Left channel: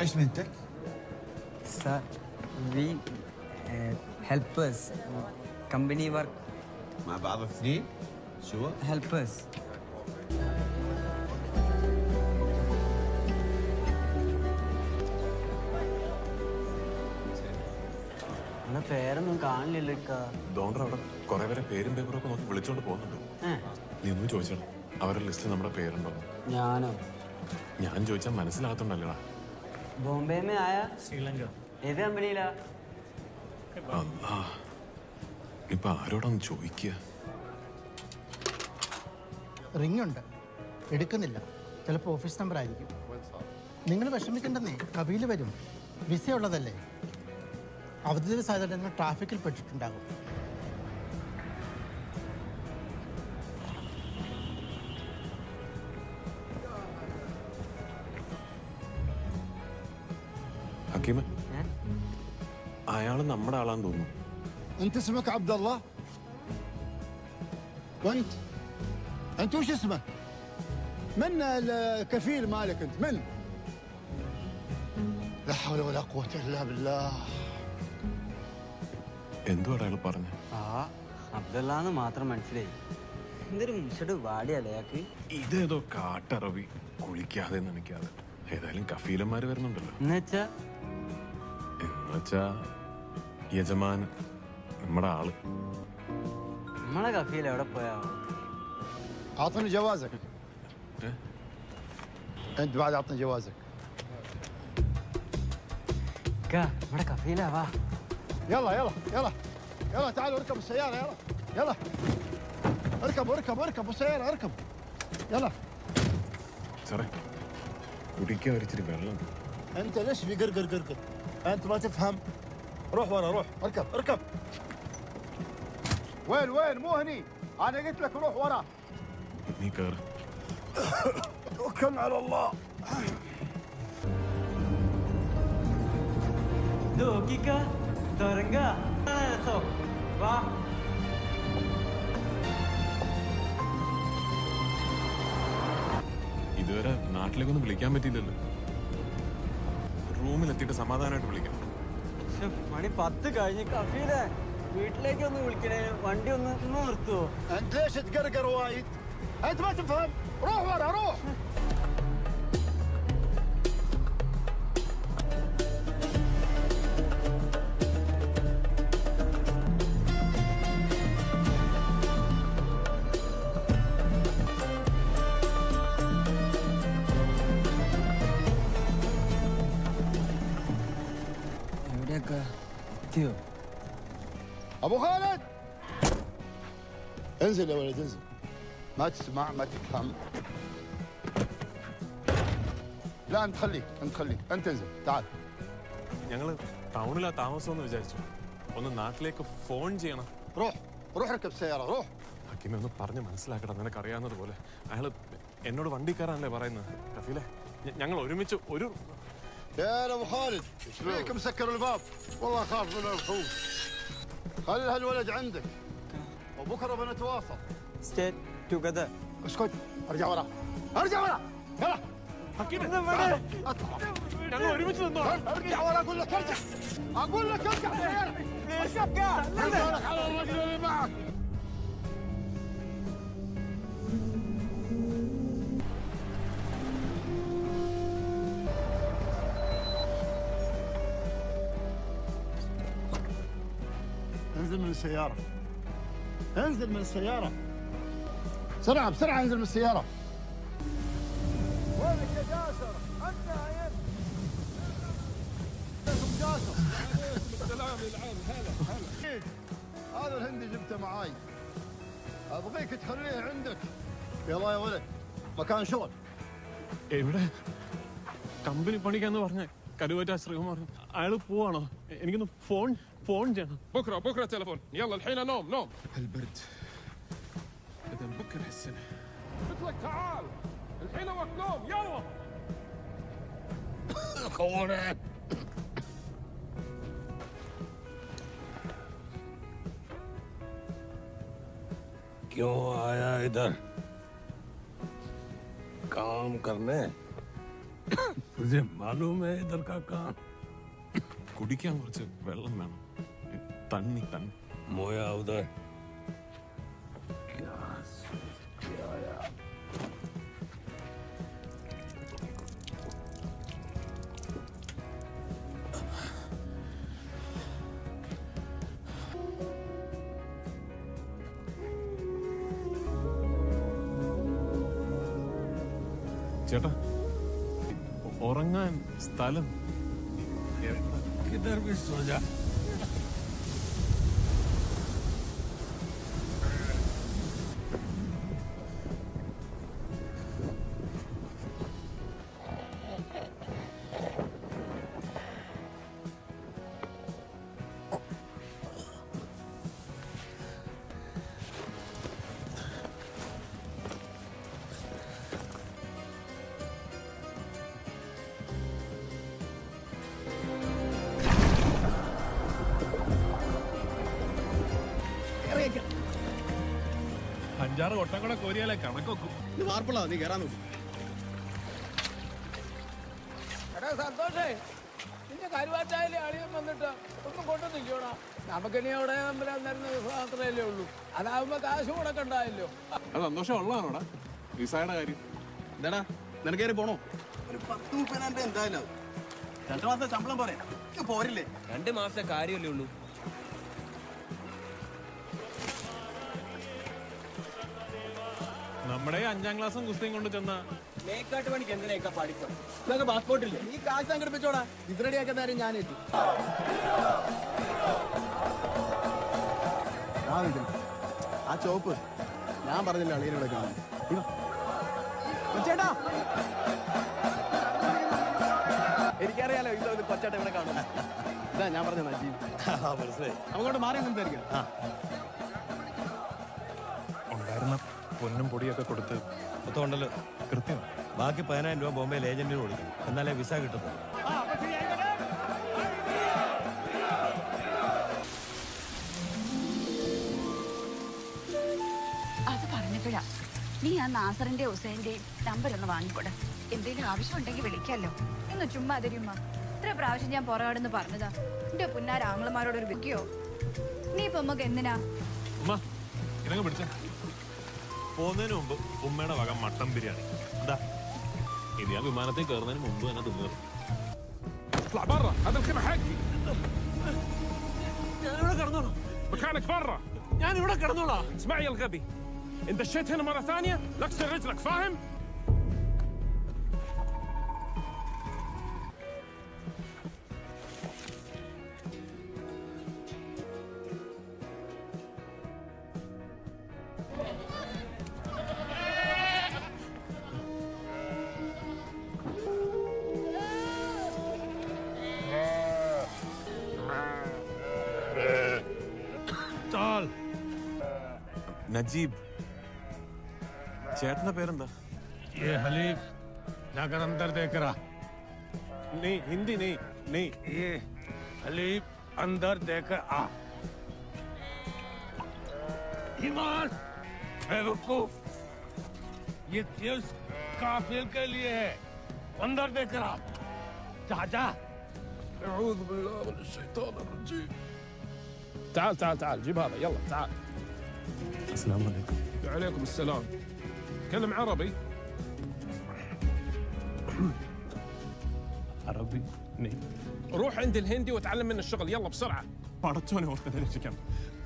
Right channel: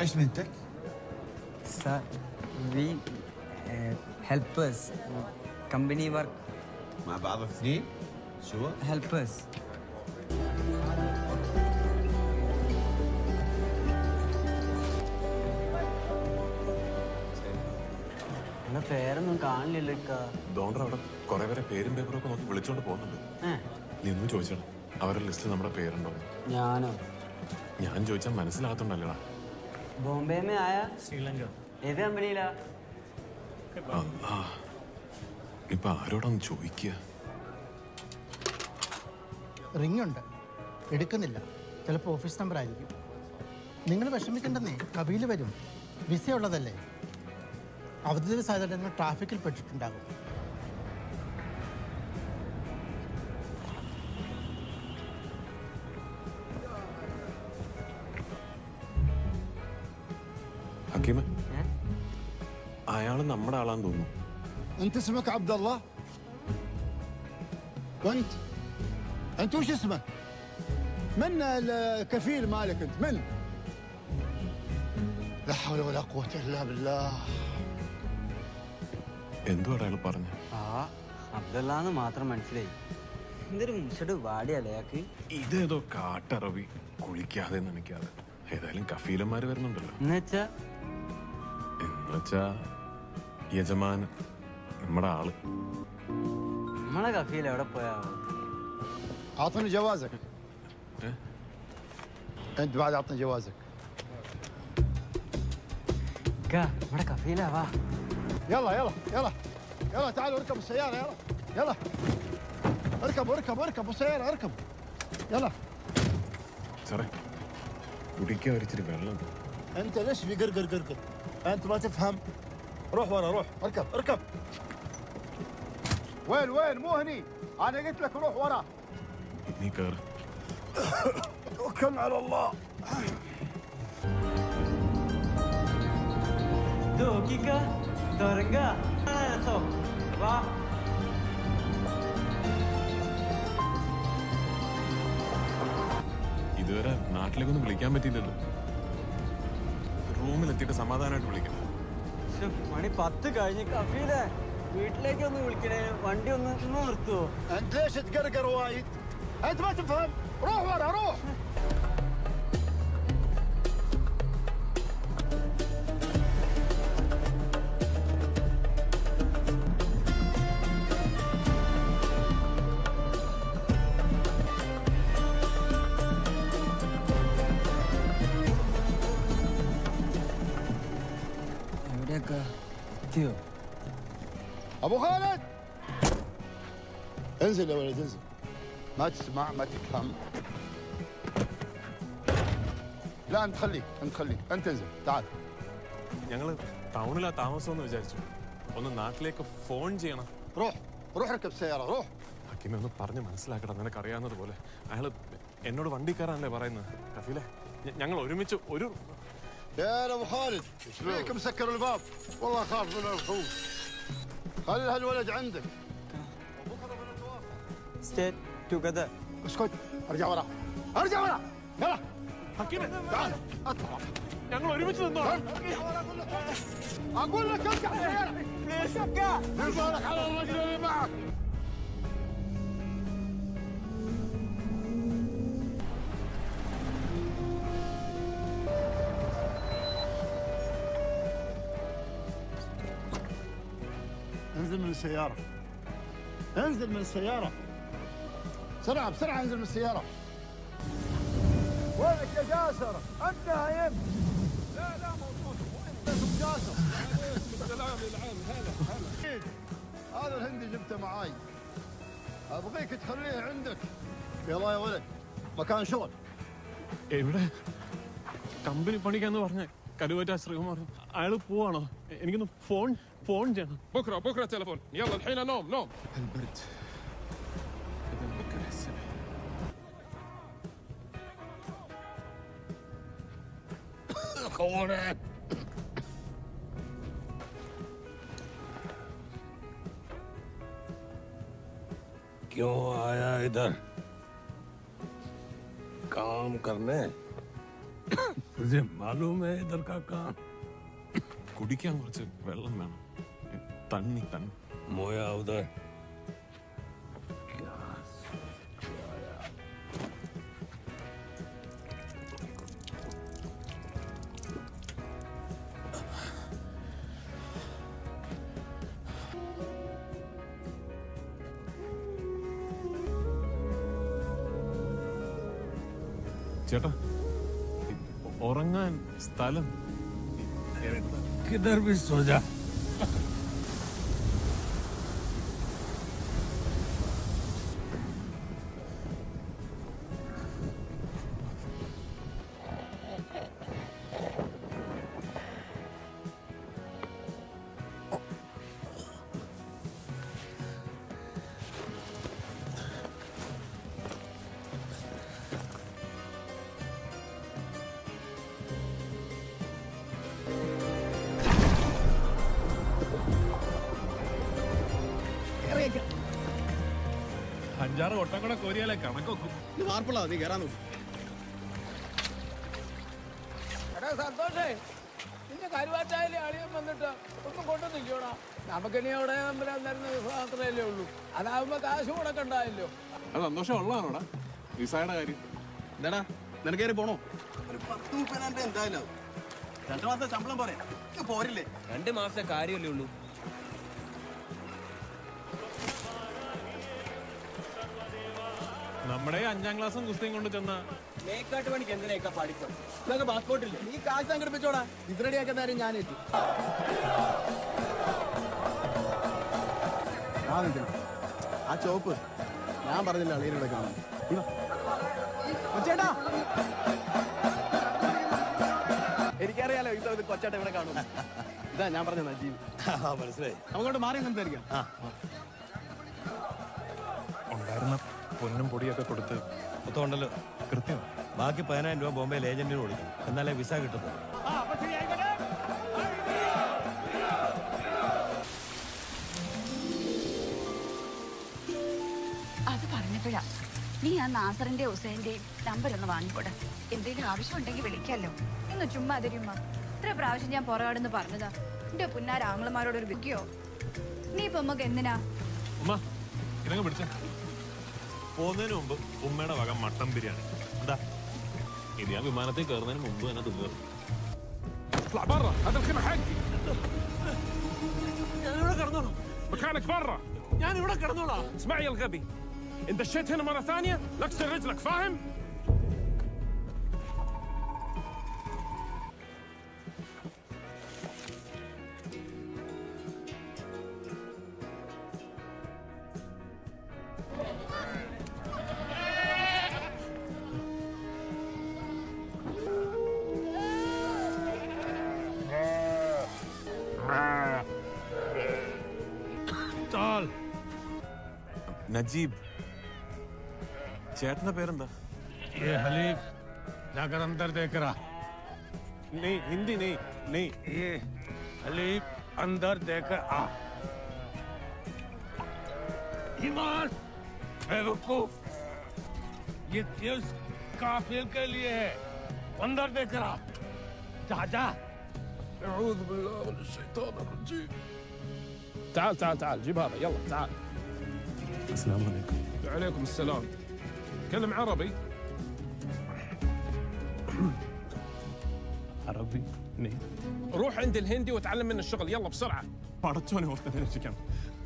ايش مهنتك؟ Sir, we helpers. Company work. مع بعض اثنين؟ شو؟ Helpers. പേരൊന്നും കാണില്ലല്ലോ ഇക്ക. ഡോണ്ടർ അവിടെ കുറെ പേരെ പേരും പേപ്പറും ഒക്കെ നോക്കി വിളിച്ചോണ്ട് പോകുന്നുണ്ട്. നീ ഒന്നും ചോദിച്ചടാ, അവരുടെ ലിസ്റ്റിൽ നമ്മുടെ പേരുണ്ടോ? ഞാനോ? ഞാൻ ചോദിച്ചാൽ മനസ്സിലാകത്തുണ്ടല്ലേടാ. ബോംബെ में आया ശ്രീലങ്ക. ഏത് കമ്പനിയിലാ? അല്ലാ, ഇപ്പൊ ആരോടൊന്ന് ചോദിക്കുക? റിംഗ് ഉണ്ട്, എടുക്കുന്നില്ല. ചിലപ്പോൾ ഓഫീസ് നമ്പർ ആയിരിക്കും. നിങ്ങൾ വിഷമിക്കണ്ടെന്നേ, കവിയിൽ വരും. വിസ ഉള്ളതല്ലേ. അവധി ദിവസമായതുകൊണ്ട് നിങ്ങൾ ട്രാഫിക്കിൽ പെട്ടിട്ടുണ്ടാകും. ഹക്കീമ, അയാള് നമ്മുടെ ആളാന്ന് തോന്നുന്നു. انت اسمك عبد الله؟ وانت وش اسمك؟ من الكفيل مالك انت؟ من؟ لا حول ولا قوة الا بالله. എന്തുവാ അയാൾ പറഞ്ഞു? ആ അബ്ദുള്ളാന്ന് മാത്രം മനസ്സിലായി. എന്തൊരു മുഷട് വാടിയല്ലേ അയാൾക്ക്. ഇതേതോ കാട്ടറബി, കുളിക്കാതെ നനയ്ക്കാതെ. ഏതായാലും കഫീലന്മാര് വരുന്നുണ്ടല്ലോ. എന്നുവെച്ചാ യജമാൻ, നമ്മുടെ ആള്. നമ്മളെ കഫീൽ എവിടെ പോയാ? اعطني جوازك. انت بعد اعطني جوازك. നമ്മുടെ കഫീലാ. വാ يلا يلا يلا يلا تعالوا اركبوا السيارة. يلا يلا اركبوا السيارة اركبوا يلا. സാറേ, കുടിക്കാൻ ഒരിച്ചിരി വെള്ളം. انت ليش في قرقر؟ انت ما تفهم. روح ورا، روح اركب. وين مو هني. انا قلت لك روح ورا. നീ കയറ്. توكلنا على الله. ഇതുവരെ നാട്ടിലേക്കൊന്നും വിളിക്കാൻ പറ്റിയില്ലല്ലോ. റൂമിലെത്തിയിട്ട് സമാധാനമായിട്ട് വിളിക്കാം. മണി 10 കഴിഞ്ഞ്. കഫീലെ വീട്ടിലേക്ക് ഒന്ന് വിളിക്കണേ. വണ്ടി ഒന്ന് നിർത്തുവോ? انت ليش تقرقر وايد؟ انت ما تفهم. روح ورا روح. എവിടെയൊക്കെ എത്തിയോ? ابو خالد انزل يا ولد انزل. ما تسمع ما تفهم. لا انت خليك انت انزل تعال. ഞങ്ങള് ടൗണിലാ താമസം എന്ന് വിചാരിച്ചു. ഒന്ന് നാട്ടിലേക്ക് ഫോൺ ചെയ്യണം. روح اركب السيارة روح. ഹക്കീമെ, ഒന്ന് പറഞ്ഞ് മനസ്സിലാക്കണം. നിനക്ക് അറിയാവുന്നത് പോലെ അയാള് എന്നോട് വണ്ടി കയറാനല്ലേ പറയുന്നത്. കഫീലെ, ഞങ്ങൾ ഒരുമിച്ച് ഒരു... يا ابو خالد ايش فيك مسكر الباب؟ والله اخاف من الوحوش. خلي هالولد عندك وبكره بنتواصل. Stay together. اسكت. ارجع ورا يلا. ഹക്കീമെ, تعال اطلع. ഞങ്ങൾ ഒരുമിച്ച് നിന്നോ. ارجع ورا اقول لك ارجع بالك على الرجل اللي معك. انزل من السيارة. بسرعة انزل من السيارة. وينك يا جاسر؟ انت نايم؟ لا اسم جاسر. السلام العام. هلا هذا الهندي جبته معاي، ابغيك تخليه عندك. يلا يا ولد مكان شغل. എവിടെ? കമ്പനി പണിക്കാന്ന് പറഞ്ഞ കരുവറ്റ ശ്രീകുമാർ അയാള് പോവാണോ? എനിക്കൊന്ന് ഫോൺ ചെയ്യണം. بكره تليفون. يلا الحين نوم. البرد اذا بكره السنه. قلت لك تعال الحين وقت نوم. يلا خوانك. क्यों आया इधर? काम करने? तुझे मालूम है इधर का काम? കുടിക്കാൻ കുറച്ച് വെള്ളം വേണം. തണ്ണി. मोया उधर. ചേട്ടാ, ഉറങ്ങാൻ സ്ഥലം किधर भी सो जा. അഞ്ചാറ് ഒട്ടം കൂടെ കോരിയാലേ കണക്കൊക്കും. ഇത് വാർപ്പുള്ള നീ കയറാൻ നോക്കും. എടാ സന്തോഷേ, നിന്റെ കരുവാറ്റായാലും അളിയൻ വന്നിട്ട് ഒന്നും കൊണ്ടുവന്നില്ലോടാ. നമുക്കിനി അവിടെ അന്നേരം മാത്രമല്ലേ ഉള്ളൂ. അതാവുമ്പോ കാശ് മുടക്കണ്ടായല്ലോ. അത് സന്തോഷം ഉള്ളതാണോടാ വിസയുടെ കാര്യം? എന്താടാ നിനക്ക് കയറി പോണോ? ഒരു 10-30 എന്തായാലും 2 മാസത്തെ ശമ്പളം പറയാം പോരില്ലേ? 2 മാസത്തെ കാര്യമല്ലേ ഉള്ളൂ. നമ്മുടെ 5ാം ക്ലാസ്സും കുസ്തിയും കൊണ്ട് ചെന്ന മേക്കാട്ട് പണിക്ക് എന്തിനേക്കാ പഠിത്തം? ഇതൊക്കെ പാസ്പോർട്ടില്ലേ? ഈ കാശ് സംഘടിപ്പിച്ചോടാ. ഇത് റെഡിയാക്കുന്ന കാര്യം ഞാനേറ്റു. ആ ചോപ്പ് ഞാൻ പറഞ്ഞില്ല അളിയനോടെ കാണാൻ. ചേട്ടാ എനിക്കറിയാലോ ഇത് കൊച്ചേട്ട ഇവിടെ കാണും. ഇതാ ഞാൻ പറഞ്ഞ നജീബ്. മനസ്സിലായി. അങ്ങോട്ട് മാറി സംസാരിക്കാം. ഉണ്ടായിരുന്ന പൊന്നും പൊടിയൊക്കെ കൊടുത്ത് മൊത്തം ഉണ്ടല്ലോ. കൃത്യം. ബാക്കി 10,000 രൂപ ബോംബെയിൽ ഏജന്റിന് കൊടുക്കണം. എന്നാലേ വിസ കിട്ടത്തുള്ളൂ. അത് പറഞ്ഞപ്പോഴാ നീ ആ നാസറിന്റെ ഹുസൈന്റെയും നമ്പർ ഒന്ന് വാങ്ങിക്കൂടെ. എന്തെങ്കിലും ആവശ്യമുണ്ടെങ്കിൽ വിളിക്കാലോ. എന്ന് ചുമ്മാ തരുമ്മ. ഇത്ര പ്രാവശ്യം ഞാൻ പുറകാടെന്ന് പറഞ്ഞതാ. എന്റെ പുന്നാര ആങ്ങളമാരോട് ഒരു വിൽക്കയോ? നീ ഇപ്പൊ നമുക്ക് എന്തിനാ? ഉമ്മ ഇതങ്ങ് പിടിച്ച. പോകുന്നതിന് മുമ്പ് ഉമ്മയുടെ വക മട്ടൻ ബിരിയാണി. എന്താ ഇത്? ഞാൻ വിമാനത്തിൽ കയറുന്നതിന് മുമ്പ് തന്നെ തിന്നു. اطلع برا، هذا الخيمة حقي. ഞാനിവിടെ കിടന്നോളാം. مكانك برا. ഞാനിവിടെ കിടന്നോളാം. اسمعي يا الغبي، إن دشيت هنا مرة ثانية لكسر رجلك، فاهم؟ चल. നജീബ്. ചേട്ടന്റെ പേരെന്താ? ये हलीफ जाकर अंदर देख रहा. नहीं हिंदी नहीं नहीं. ये हलीफ अंदर देकर आ. ईमान बेवकूफ, ये चीज काफिल के लिए है. अंदर देख रहा. जा जा. أعوذ بالله من الشيطان الرجيم. تعال تعال تعال، جيب هذا يلا تعال. السلام عليكم. وعليكم السلام. تكلم عربي. عربي नहीं. روح عند الهندي وتعلم منه الشغل يلا بسرعة. പടച്ചോനെ ഓർത്തിനെ രക്ഷിക്കണം.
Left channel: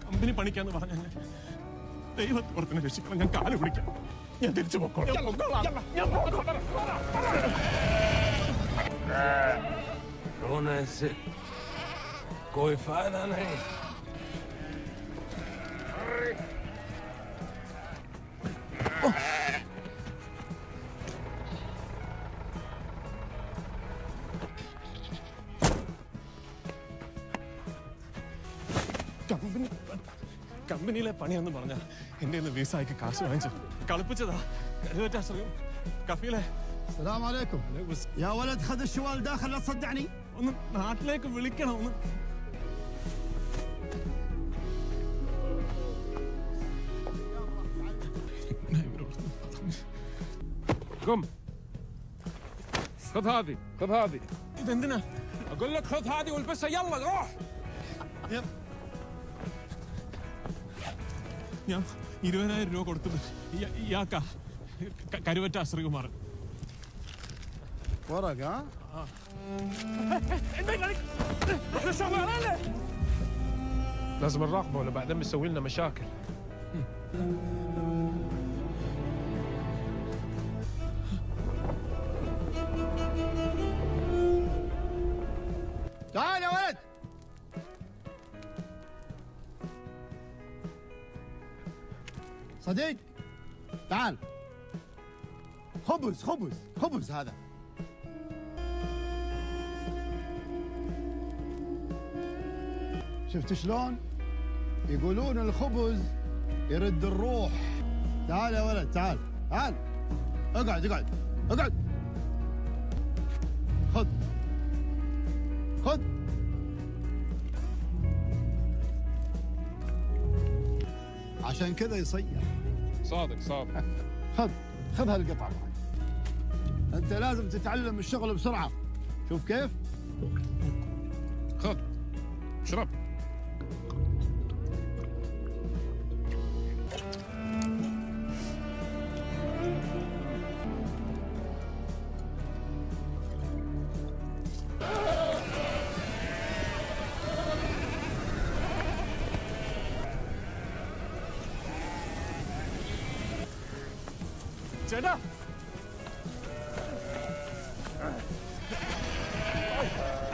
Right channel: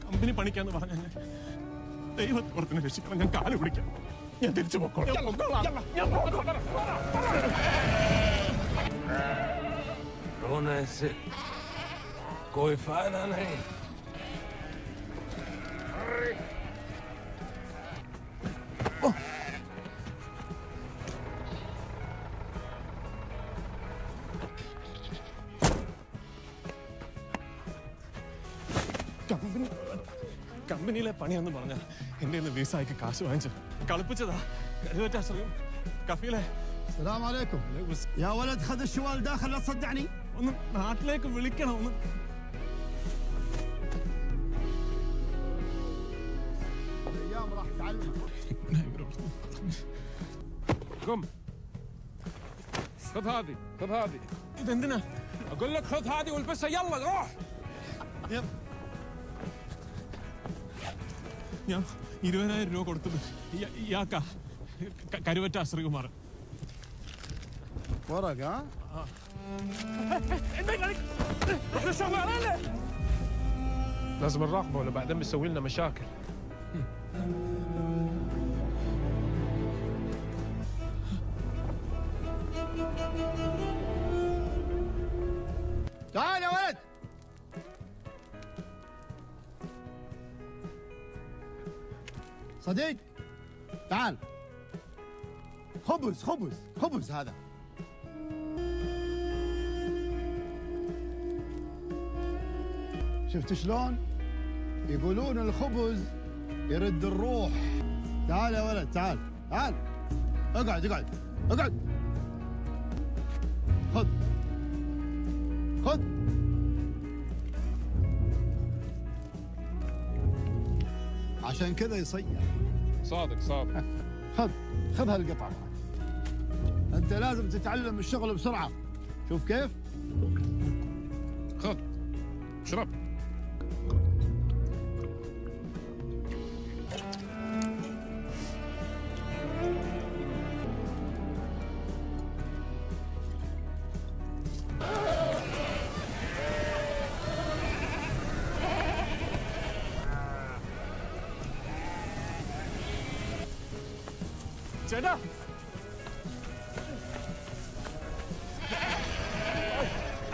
കമ്പനി പണിക്കാന്ന് പറഞ്ഞ ദൈവത്തെ ഓർത്തിനെ രക്ഷിക്കണം. ഞാൻ കാല് പിടിക്കാം. ഞാൻ തിരിച്ചു പൊക്കോളാം. रोने से कोई फायदा नहीं. കമ്പനിയിലെ പണിയെന്ന് പറഞ്ഞ എന്റെ വിസയ്ക്ക് കാശ് വാങ്ങിച്ചു കളിപ്പിച്ചതാ. കരുവറ്റാശ്രയം കഫീലെ. السلام عليكم. يا ولد خذ الشوال داخل لا تصدعني. ഒന്ന് നാട്ടിലേക്ക് വിളിക്കണം. ഒന്ന് الايام راح تعلم. قم. خذ هذه خذ هذه. ഇതെന്തിനാ? اقول لك خذ هذه والبسها يلا روح. ഞാൻ 20,000 രൂപ കൊടുത്തത് ഇയാക്കാ, കരുവറ്റ ശ്രീകുമാർ. ورق ها؟ لازم نراقبه ولا بعدين بيسوي لنا مشاكل. تعال يا ولد. صديق تعال. خبز خبز خبز هذا. شفت شلون؟ يقولون الخبز يرد الروح. تعال يا ولد تعال تعال. اقعد اقعد اقعد. خذ خذ. عشان كذا يصيح. صادق صادق. خذ خذ هالقطعة معك. أنت لازم تتعلم الشغل بسرعة. شوف كيف؟ خذ اشرب. ചേട്ടാ,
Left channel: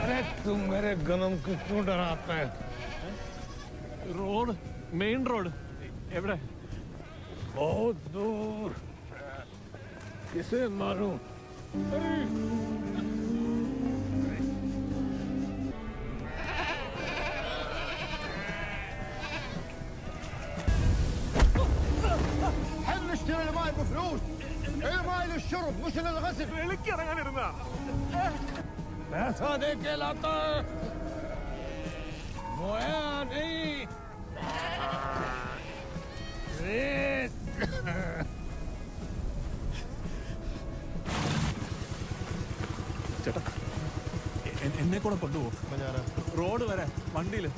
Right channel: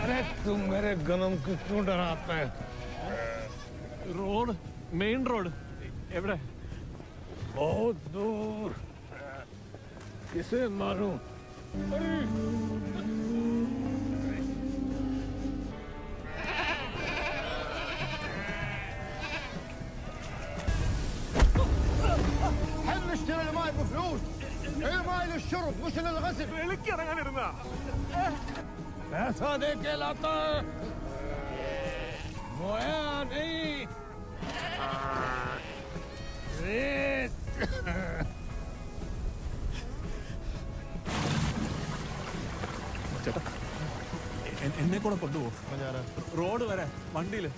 अरे तुम मेरे गनम को क्यों डराते हैं? റോഡ്, മെയിൻ റോഡ് എവിടെ? बहुत दूर. किसे मारूं? حل نشتري الماي بفلوس. الماي للشرب مش للغسل. എനിക്കിറങ്ങാനിരുന്നാ. पैसा दे के लाता है. मोया नहीं. रेत. ചേട്ടാ, എന്നെ കൂടെ കൊണ്ടുപോവോ? റോഡ് വരെ വണ്ടിയില്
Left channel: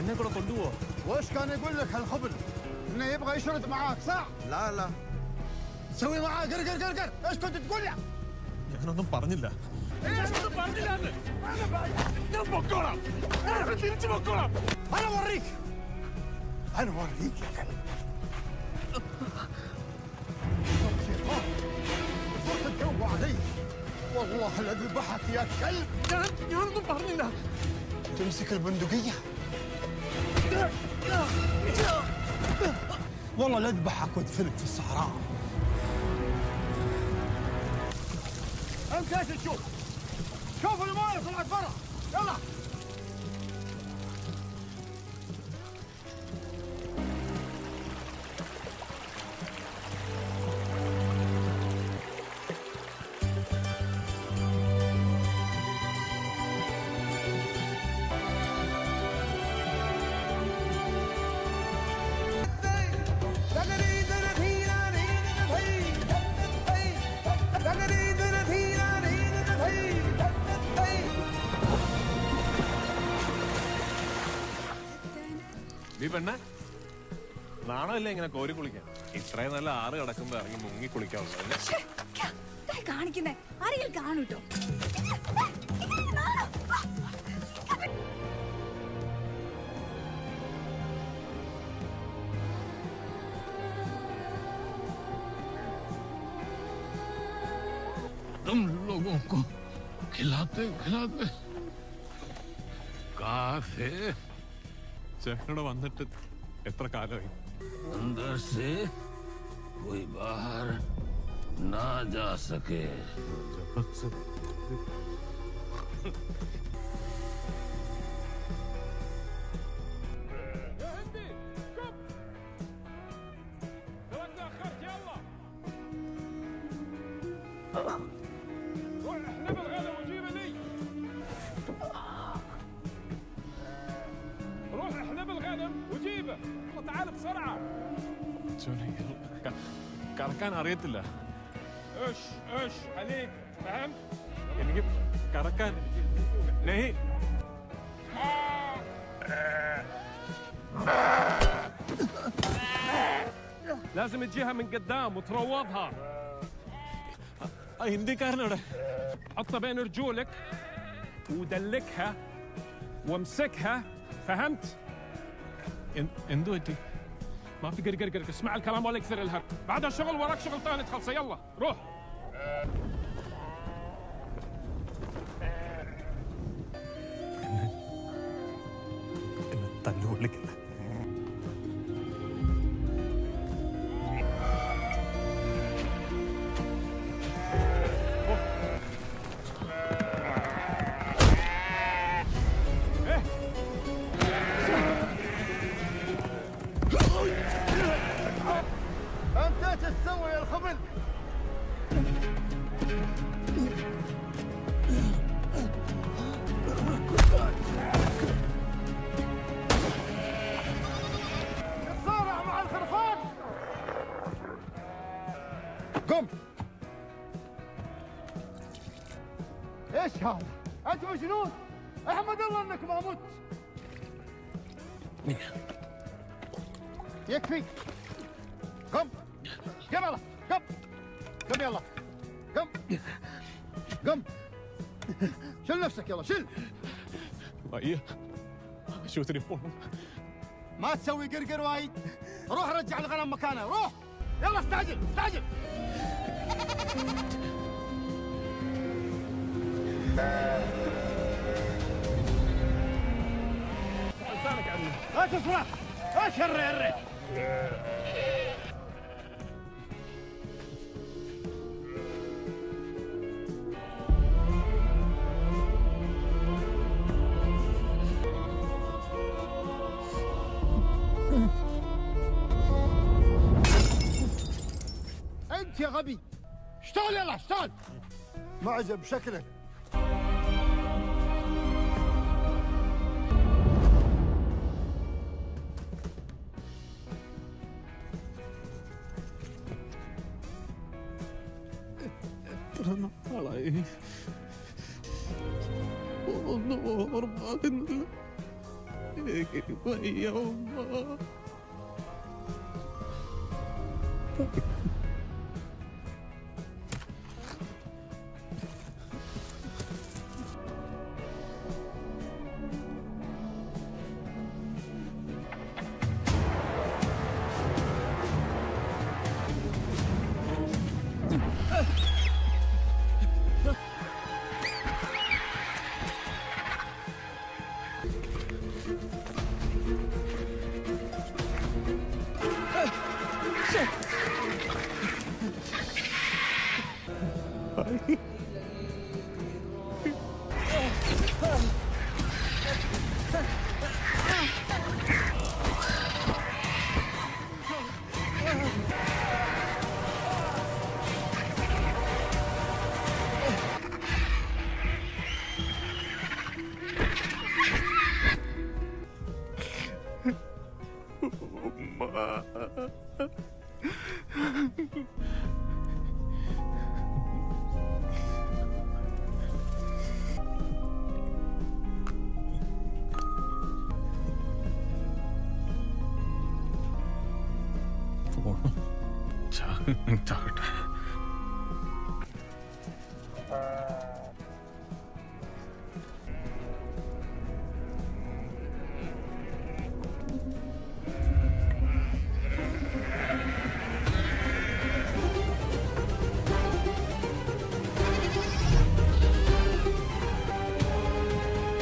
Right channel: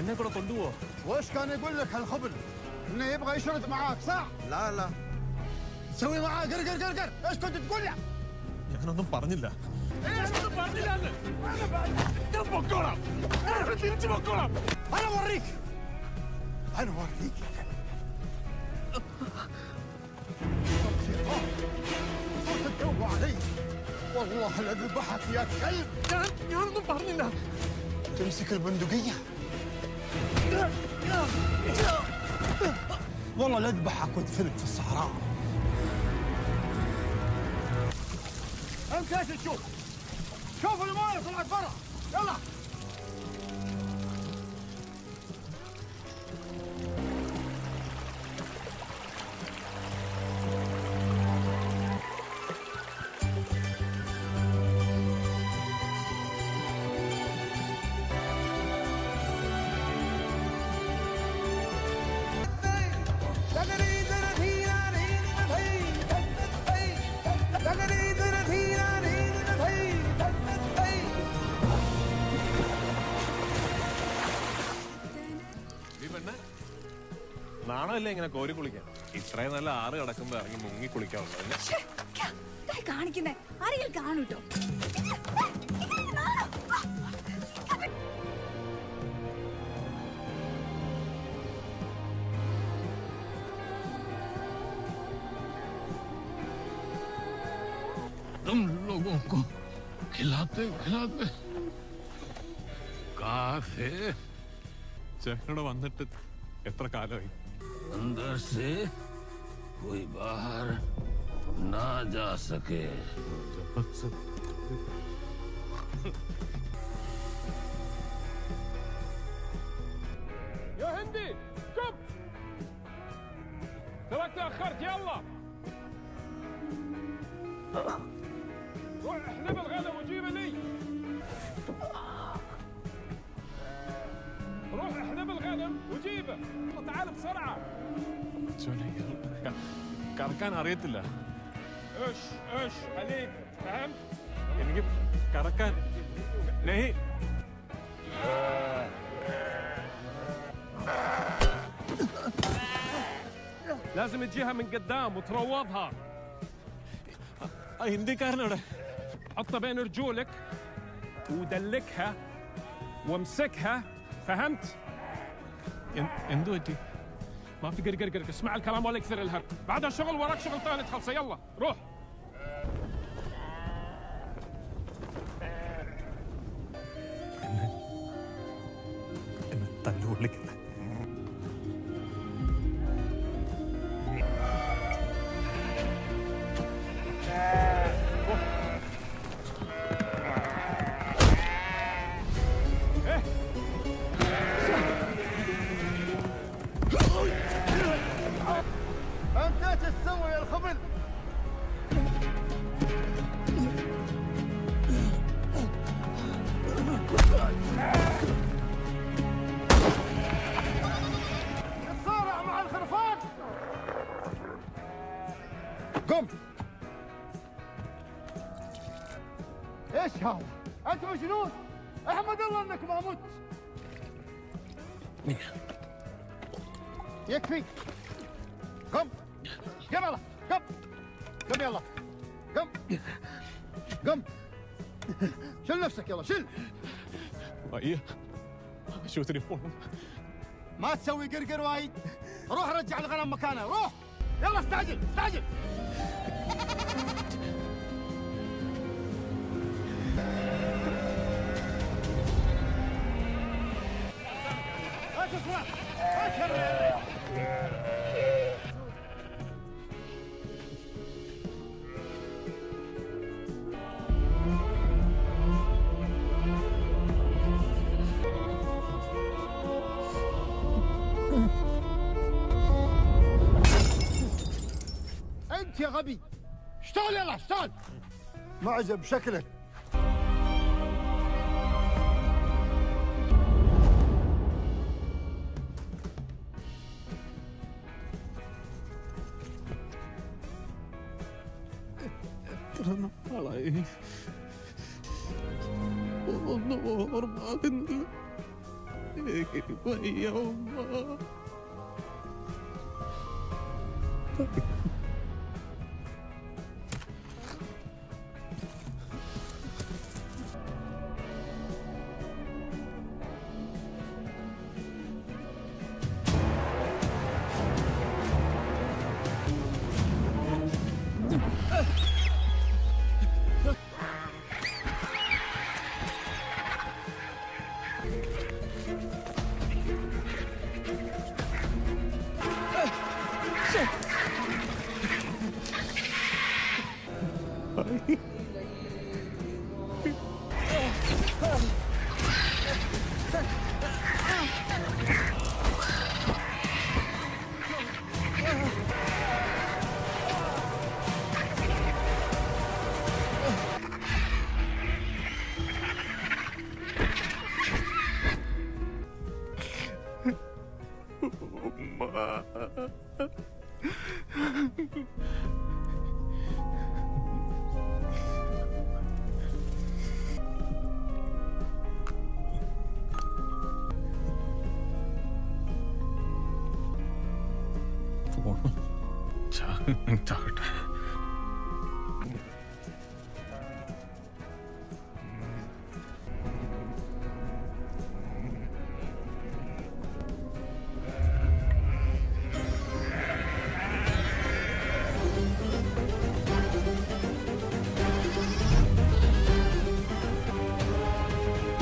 എന്നെ കൂടെ കൊണ്ടുപോവോ? وش كان يقول لك هالخبل؟ انه يبغى يشرد معاك صح؟ لا لا تسوي معاه قر قر قر قر. ايش كنت تقول له؟ ഞാനൊന്നും പറഞ്ഞില്ല. ഞാൻ പൊക്കോളാം. തിരിച്ചു പൊക്കോളാം. انا اوريك انا اوريك يا كلب. شيطان صرت تدوب علي. والله لذبحك يا كلب. ഞാനൊന്നും പറഞ്ഞില്ല. تمسك البندقية والله لأذبحك وادفنك في الصحراء. انت ايش تشوف؟ شوف المايه طلعت برا. يلا നീ പെണ്ണെ, നാണമല്ലേ ഇങ്ങനെ കോരി കുളിക്കാൻ? ഇത്രയും നല്ല ആറ് കിടക്കുമ്പോ ഇറങ്ങി മുങ്ങി കുളിക്കാവുള്ളത്. കാണിക്കുന്നേ ആരെങ്കിലും കാണൂട്ടോ. तुम लोगों को खिलाते खिलाते कहाँ से? ചേട്ടനോട് വന്നിട്ട് എത്ര കാലമായി? अंदर से कोई बाहर ना जा सके. يا هندي كب تراك تأخرت. يلا روح احلب الغنم وجيبه لي. روح احلب الغنم وجيبه. تعال بسرعة. കറക്കാൻ അറിയത്തില്ല. ايش ايش عليك فهمت؟ نجيب كركان نهي لازم تجيها من قدام وتروضها. ഹിന്ദിക്കാരനോടെ حطها بين رجولك ودلكها وامسكها. فهمت؟ എന്തു പറ്റി ما في قرقر اسمع الكلام ولا يكثر الهرب. بعدها شغل وراك شغل ثاني تخلصه. يلا روح. എന്നെ തല്ലുകൊള്ളിക്കല്ല انت ايش تسوي يا الخبل؟ تتصارع مع الخرفان. قم. ايش هذا؟ انت مجنون؟ احمد الله انك ما مت. يكفي. قم. قم يلا. قم. قم يلا. قم. قم. شل نفسك يلا شل. വയ്യ ആശുപത്രി പോണം ما تسوي قرقر وايد. روح رجع الغنم مكانه. روح. يلا استعجل استعجل. لا تسمع. اشر انت يا غبي. اشتغل يلا اشتغل. معجب شكلك. എത്ര നാളായി ഒന്നും ഓർമ്മാകുന്നില്ല എനിക്ക് വയ്യ ഉമ്മ ചാകട്ടെ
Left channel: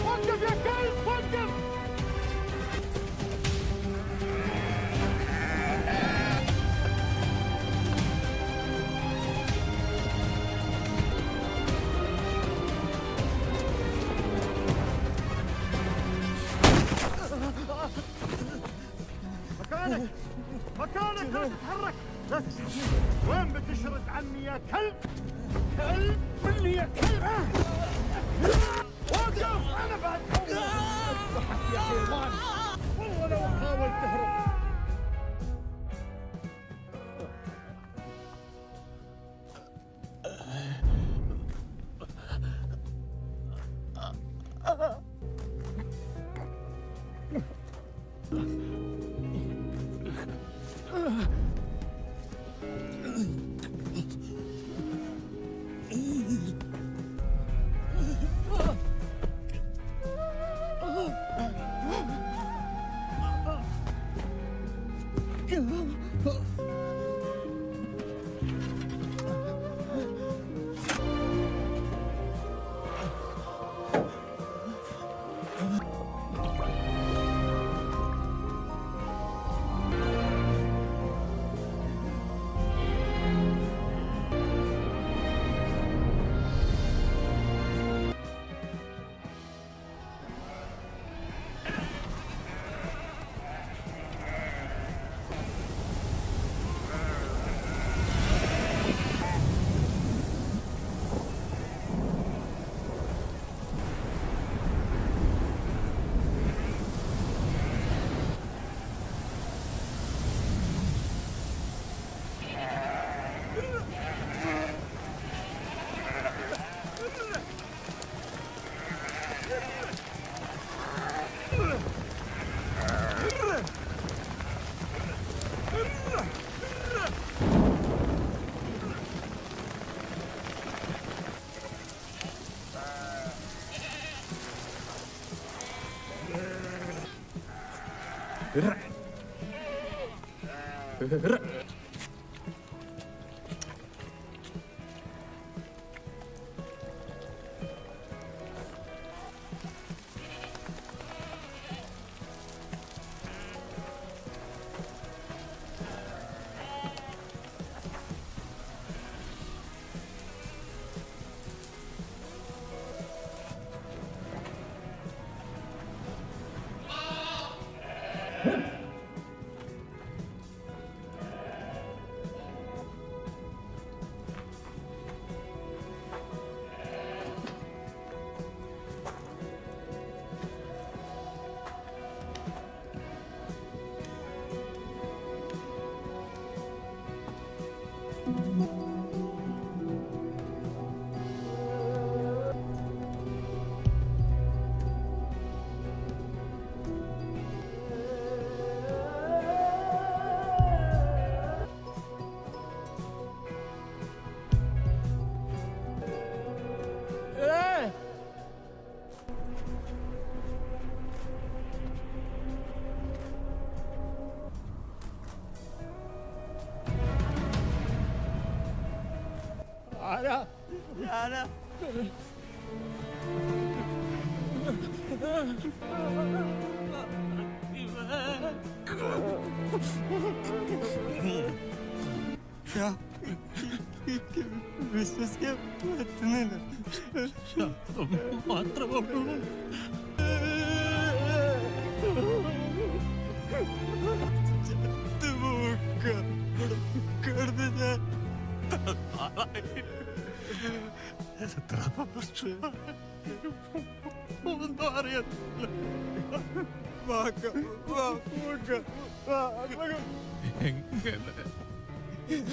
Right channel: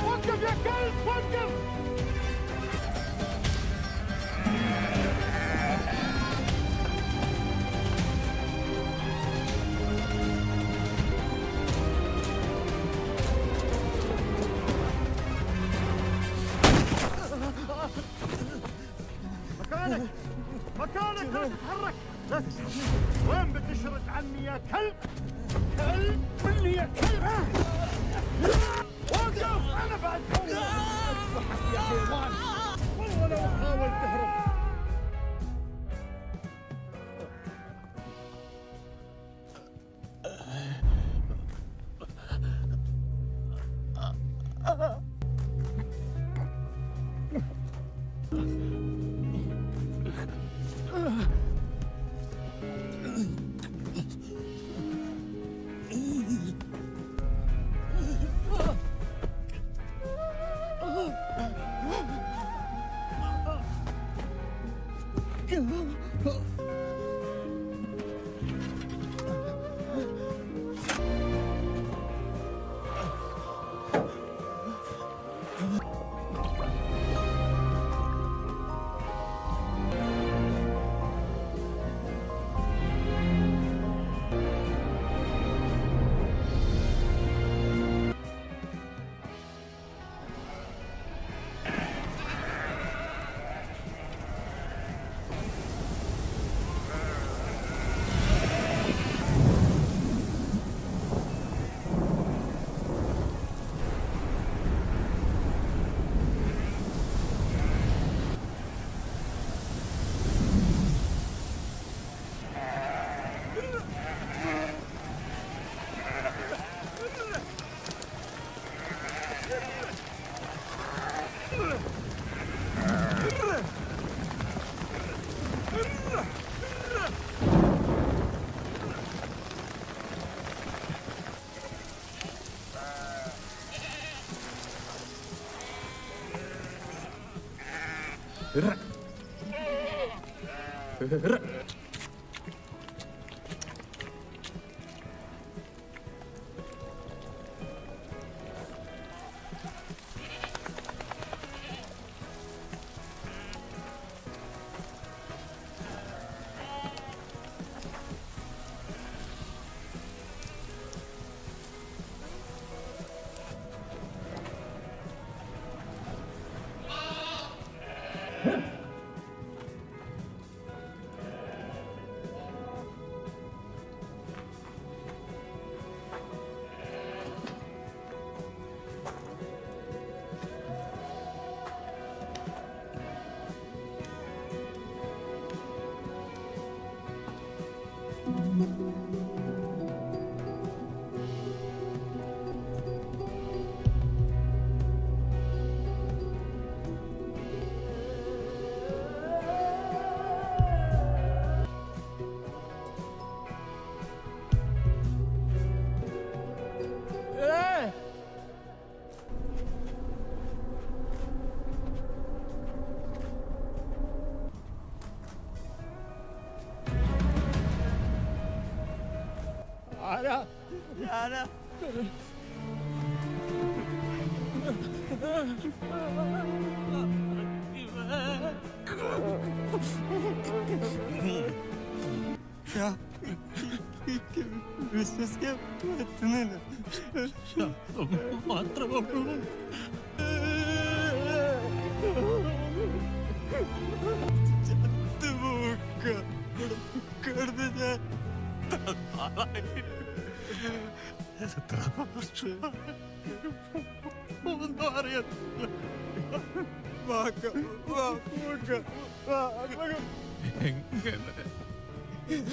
وقف يا كلب وقف. مكانك مكانك لا تتحرك لا تتحرك. وين بتشرد عني يا كلب؟ كلب مني يا كلب. وقف انا بعد اذبحك يا حيوان. والله لو حاول تهرب. വിശ്വസിക്കാൻ പറ്റുന്നില്ല. മാത്രമേ ഒന്നും അറിയത്തില്ല. എങ്ങനെ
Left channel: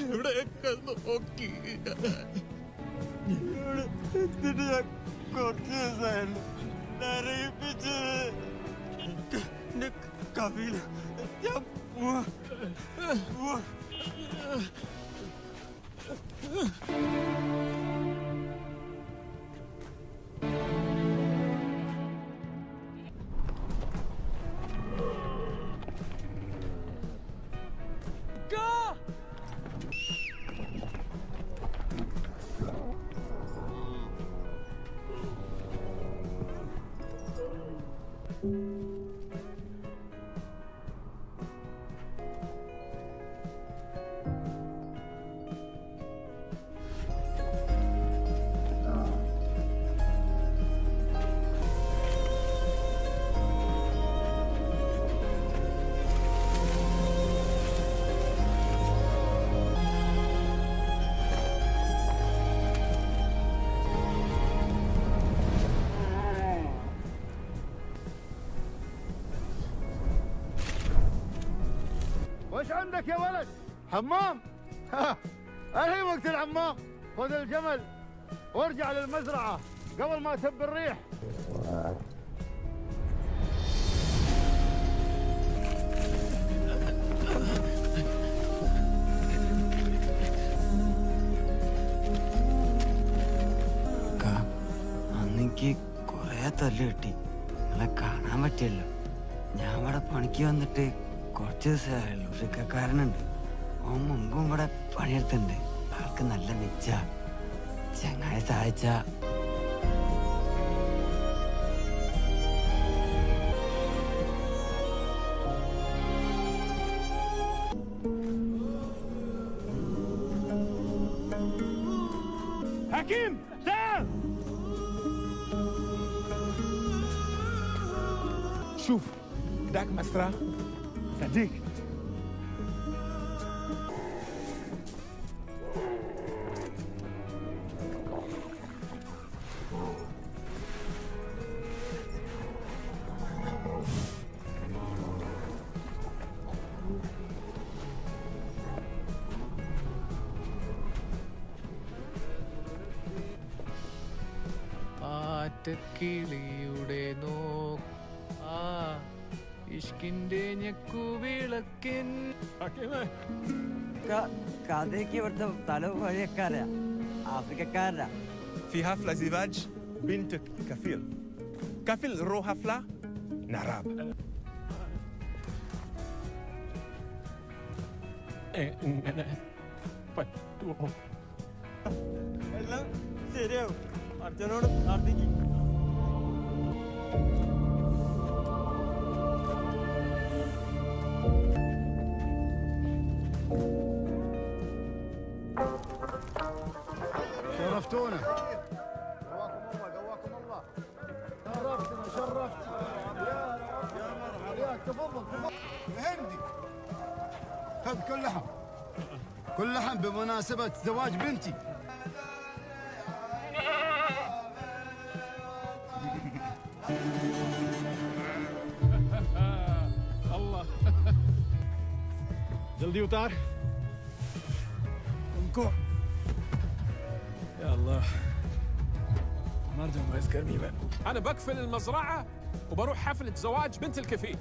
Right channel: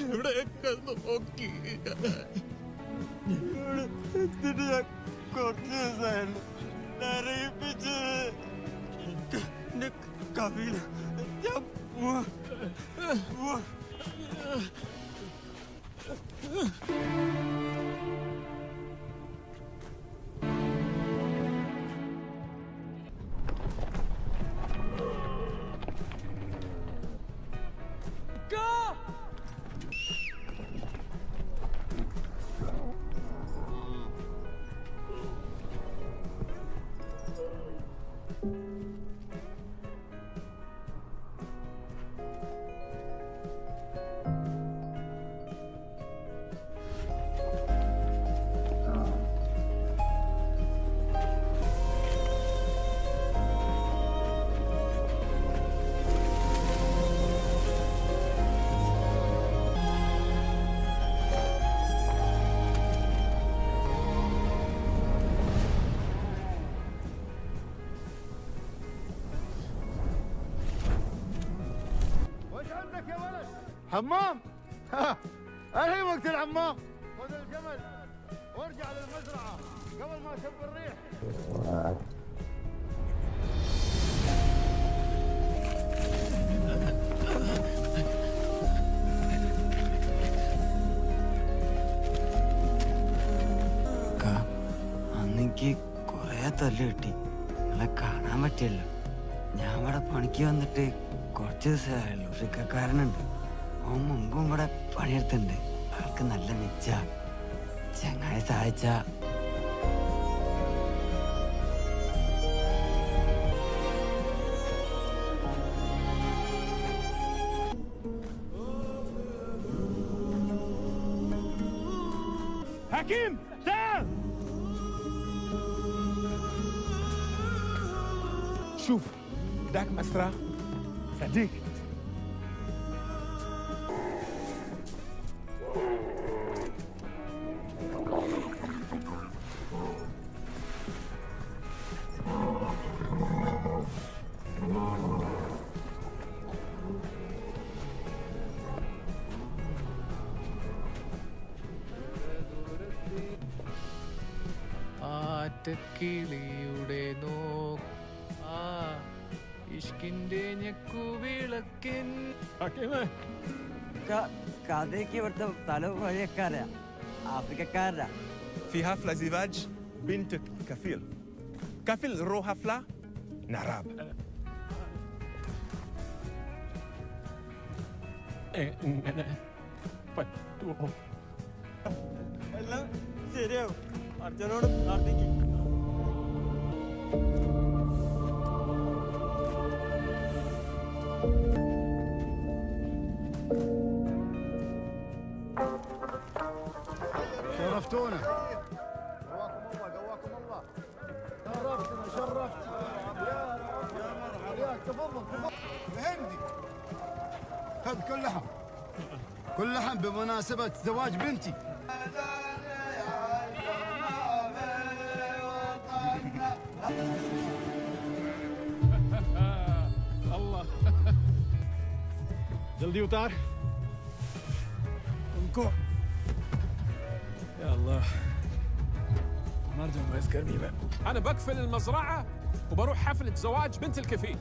ഇവിടെയൊക്കെ നോക്കി എന്നിട്ട് ഞാൻ കുറച്ച് ദിവസമായിരുന്നു അറിയിപ്പിച്ചത് എന്റെ കവിയില് ഞാൻ وش عندك يا ولد؟ حمام؟ الحين وقت الحمام. خذ الجمل وارجع للمزرعة قبل ما تب الريح. അന്നെനിക്ക് കുറേ തല്ല് കിട്ടി. നിങ്ങളെ കാണാൻ പറ്റിയല്ലോ. ഞാൻ ഇവിടെ പണിക്ക് വന്നിട്ട് കുറച്ച് ദിവസമായുള്ളൂ. ഋക്കാരനുണ്ട്, ഓൻ മുമ്പും ഇവിടെ പണിയെടുത്തുണ്ട്. ആൾക്ക് നല്ല നിച്ച. ചങ്ങായി സഹായിച്ച حكيم تعال شوف داك مسرح صديق ആറ്റക്കിളിയുടെ ഇഷ്കിന്റെ ഞെക്കുവിളക്കിൻ കഥയ്ക്ക് ഇവിടുത്തെ തല വഴിയക്കാരാ, ആഫ്രിക്കക്കാരാ. في حفلة زواج بنت كفيل. كفيل رو حفلة نراب. എങ്ങനെ പറ്റുമോ? എല്ലാം ശരിയാവും. അർജുനോട് പ്രാർത്ഥിക്കും. شرفتونا. قواكم الله. شرفتنا شرفت. يا مرحبا. تفضل تفضل. هندي. خذ كل لحم. كل لحم بمناسبة زواج بنتي. الله जल्दी उतार उनको. يا الله ما ارجع مغيظ كرمي بقى. انا بقفل المزرعه وبروح حفله زواج بنت الكفيل.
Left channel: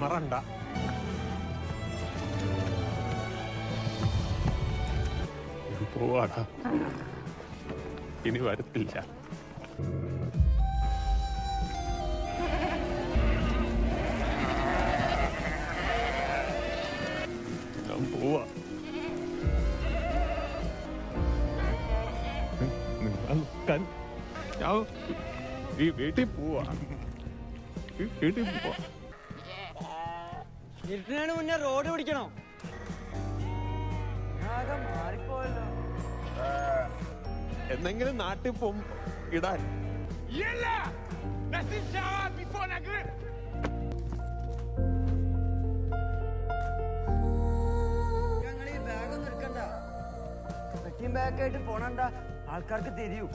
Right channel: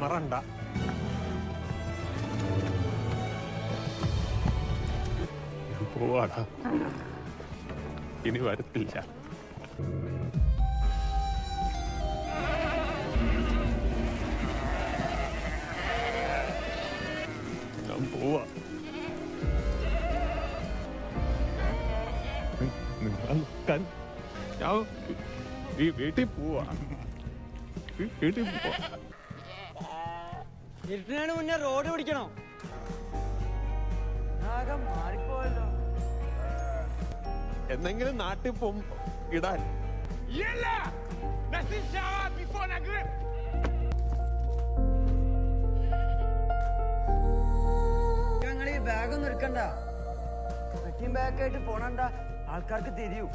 മറണ്ട. ഞാൻ പോവാടാ, ഇനി വരത്തില്ല. ഞാൻ പോവാ. നിങ്ങൾ നോക്കാൻ ഞാൻ ഈ വീട്ടിൽ പോവാ. വീട്ടിൽ പോവാ. ഇരുട്ടിനാണ് മുന്നേ റോഡ് പിടിക്കണോ? ആകെ മാറിപ്പോയല്ലോ. എന്തെങ്കിലും നാട്ടിൽ പോകും ഇടാൻ. ഞങ്ങൾ ഈ ബാഗൊന്നും എടുക്കണ്ട. പെട്ടിയും ബാഗായിട്ട് പോണണ്ട, ആൾക്കാർക്ക് തിരിയൂ.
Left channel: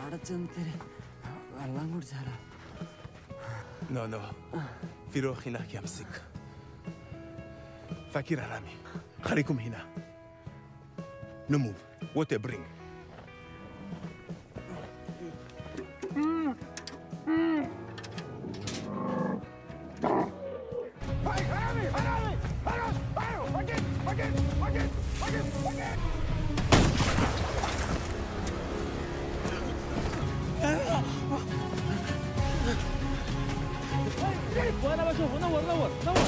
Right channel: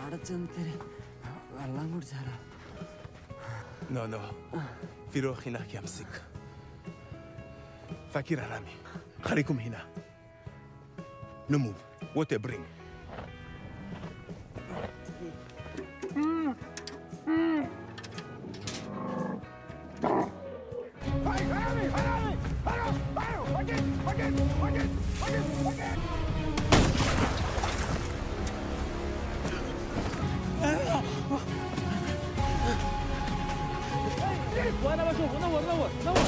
അവിടെ ചെന്നിട്ട് വെള്ളം കുടിച്ചാലോ? No, no. فيروح هناك يمسك. فاكر رامي. خليكم هنا. No move. What a bring. وانا بشوف. نور نور نور.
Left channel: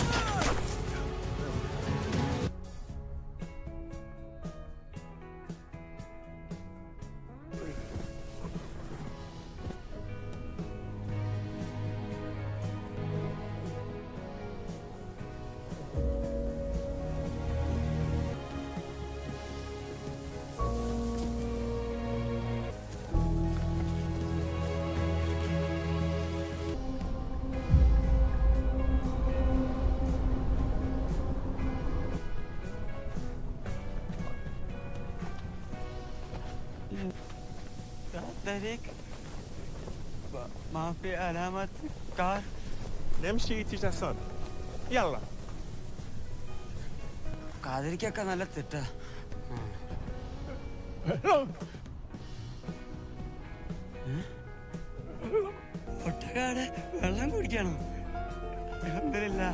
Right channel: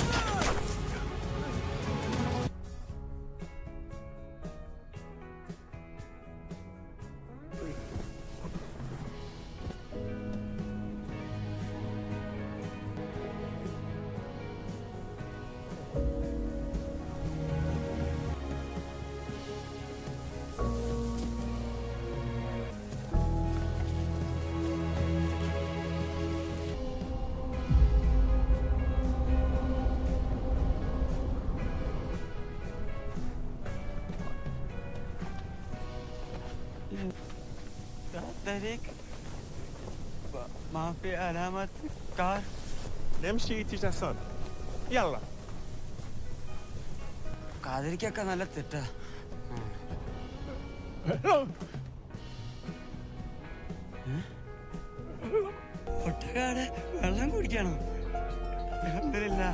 طريق ما في علامات كار. نمشي اتجاه صاد. يلا. കാതിരിക്കൊക്കെ നല്ല തെറ്റാ. ഒട്ടകാട് വെള്ളം കുടിക്കണോ? അൽഹംദുലില്ലാ.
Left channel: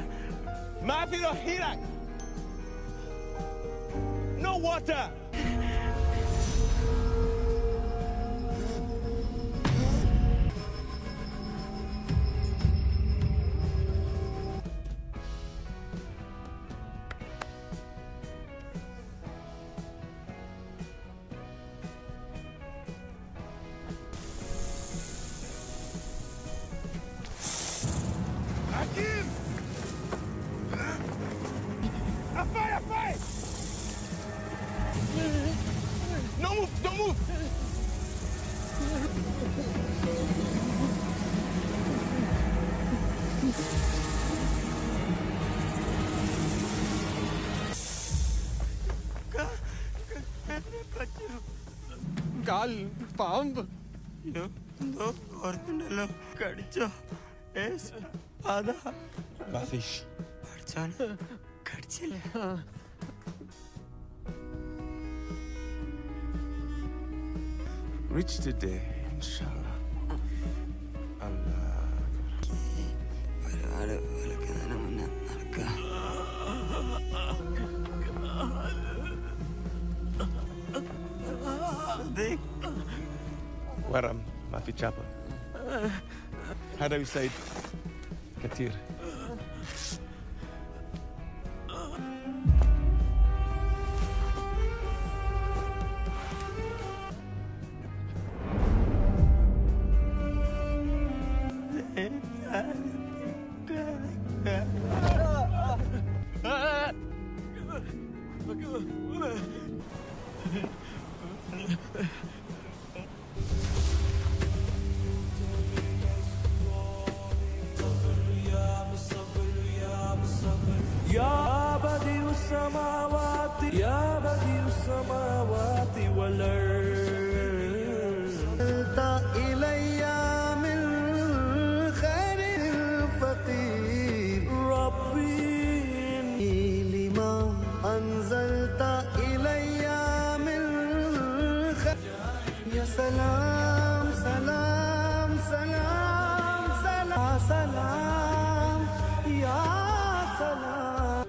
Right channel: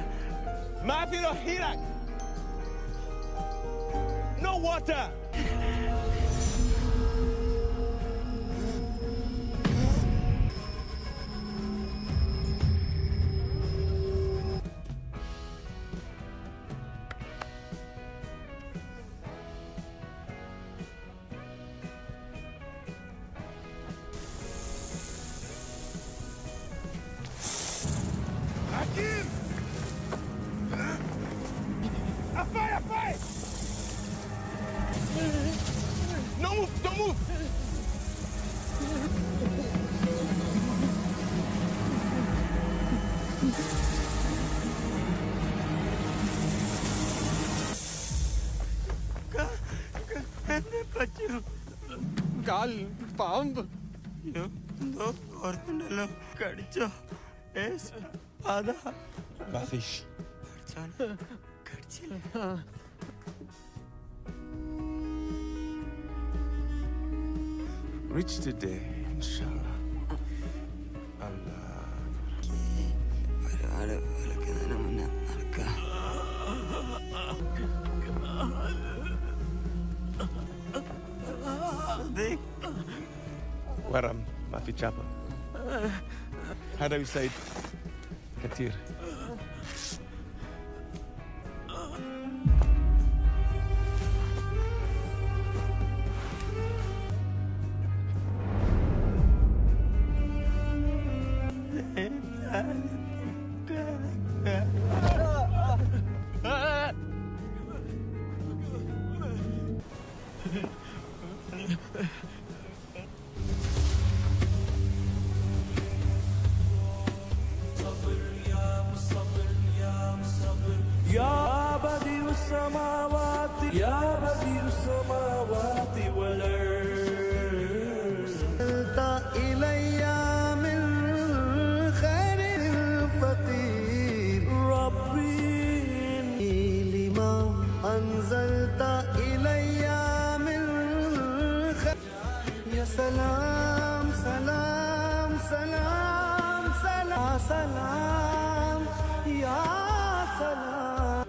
ما في هيرك. No water. حكيم أفاي أفاي No move, don't move. എന്നെ പറ്റൂ കാൽ പാമ്പ് എന്തോ ഓർമ്മണ്ടല്ലോ കടിച്ചോ അതാ ما فيش. പഠിച്ചോനെ കടിച്ചില്ല Reach today, inshallah. Allah. ഒരുപാട് വിളിക്കുന്നതിന് മുന്നേ നടക്കാം ورم ما في تشابه. هذا يساعد كثير. يا بديع السماوات يا بديع السماوات والأرض إلي من خير الفقير ربي لما أنزلت إلي من خير يا سلام سلام سلام سلام سلام يا سلام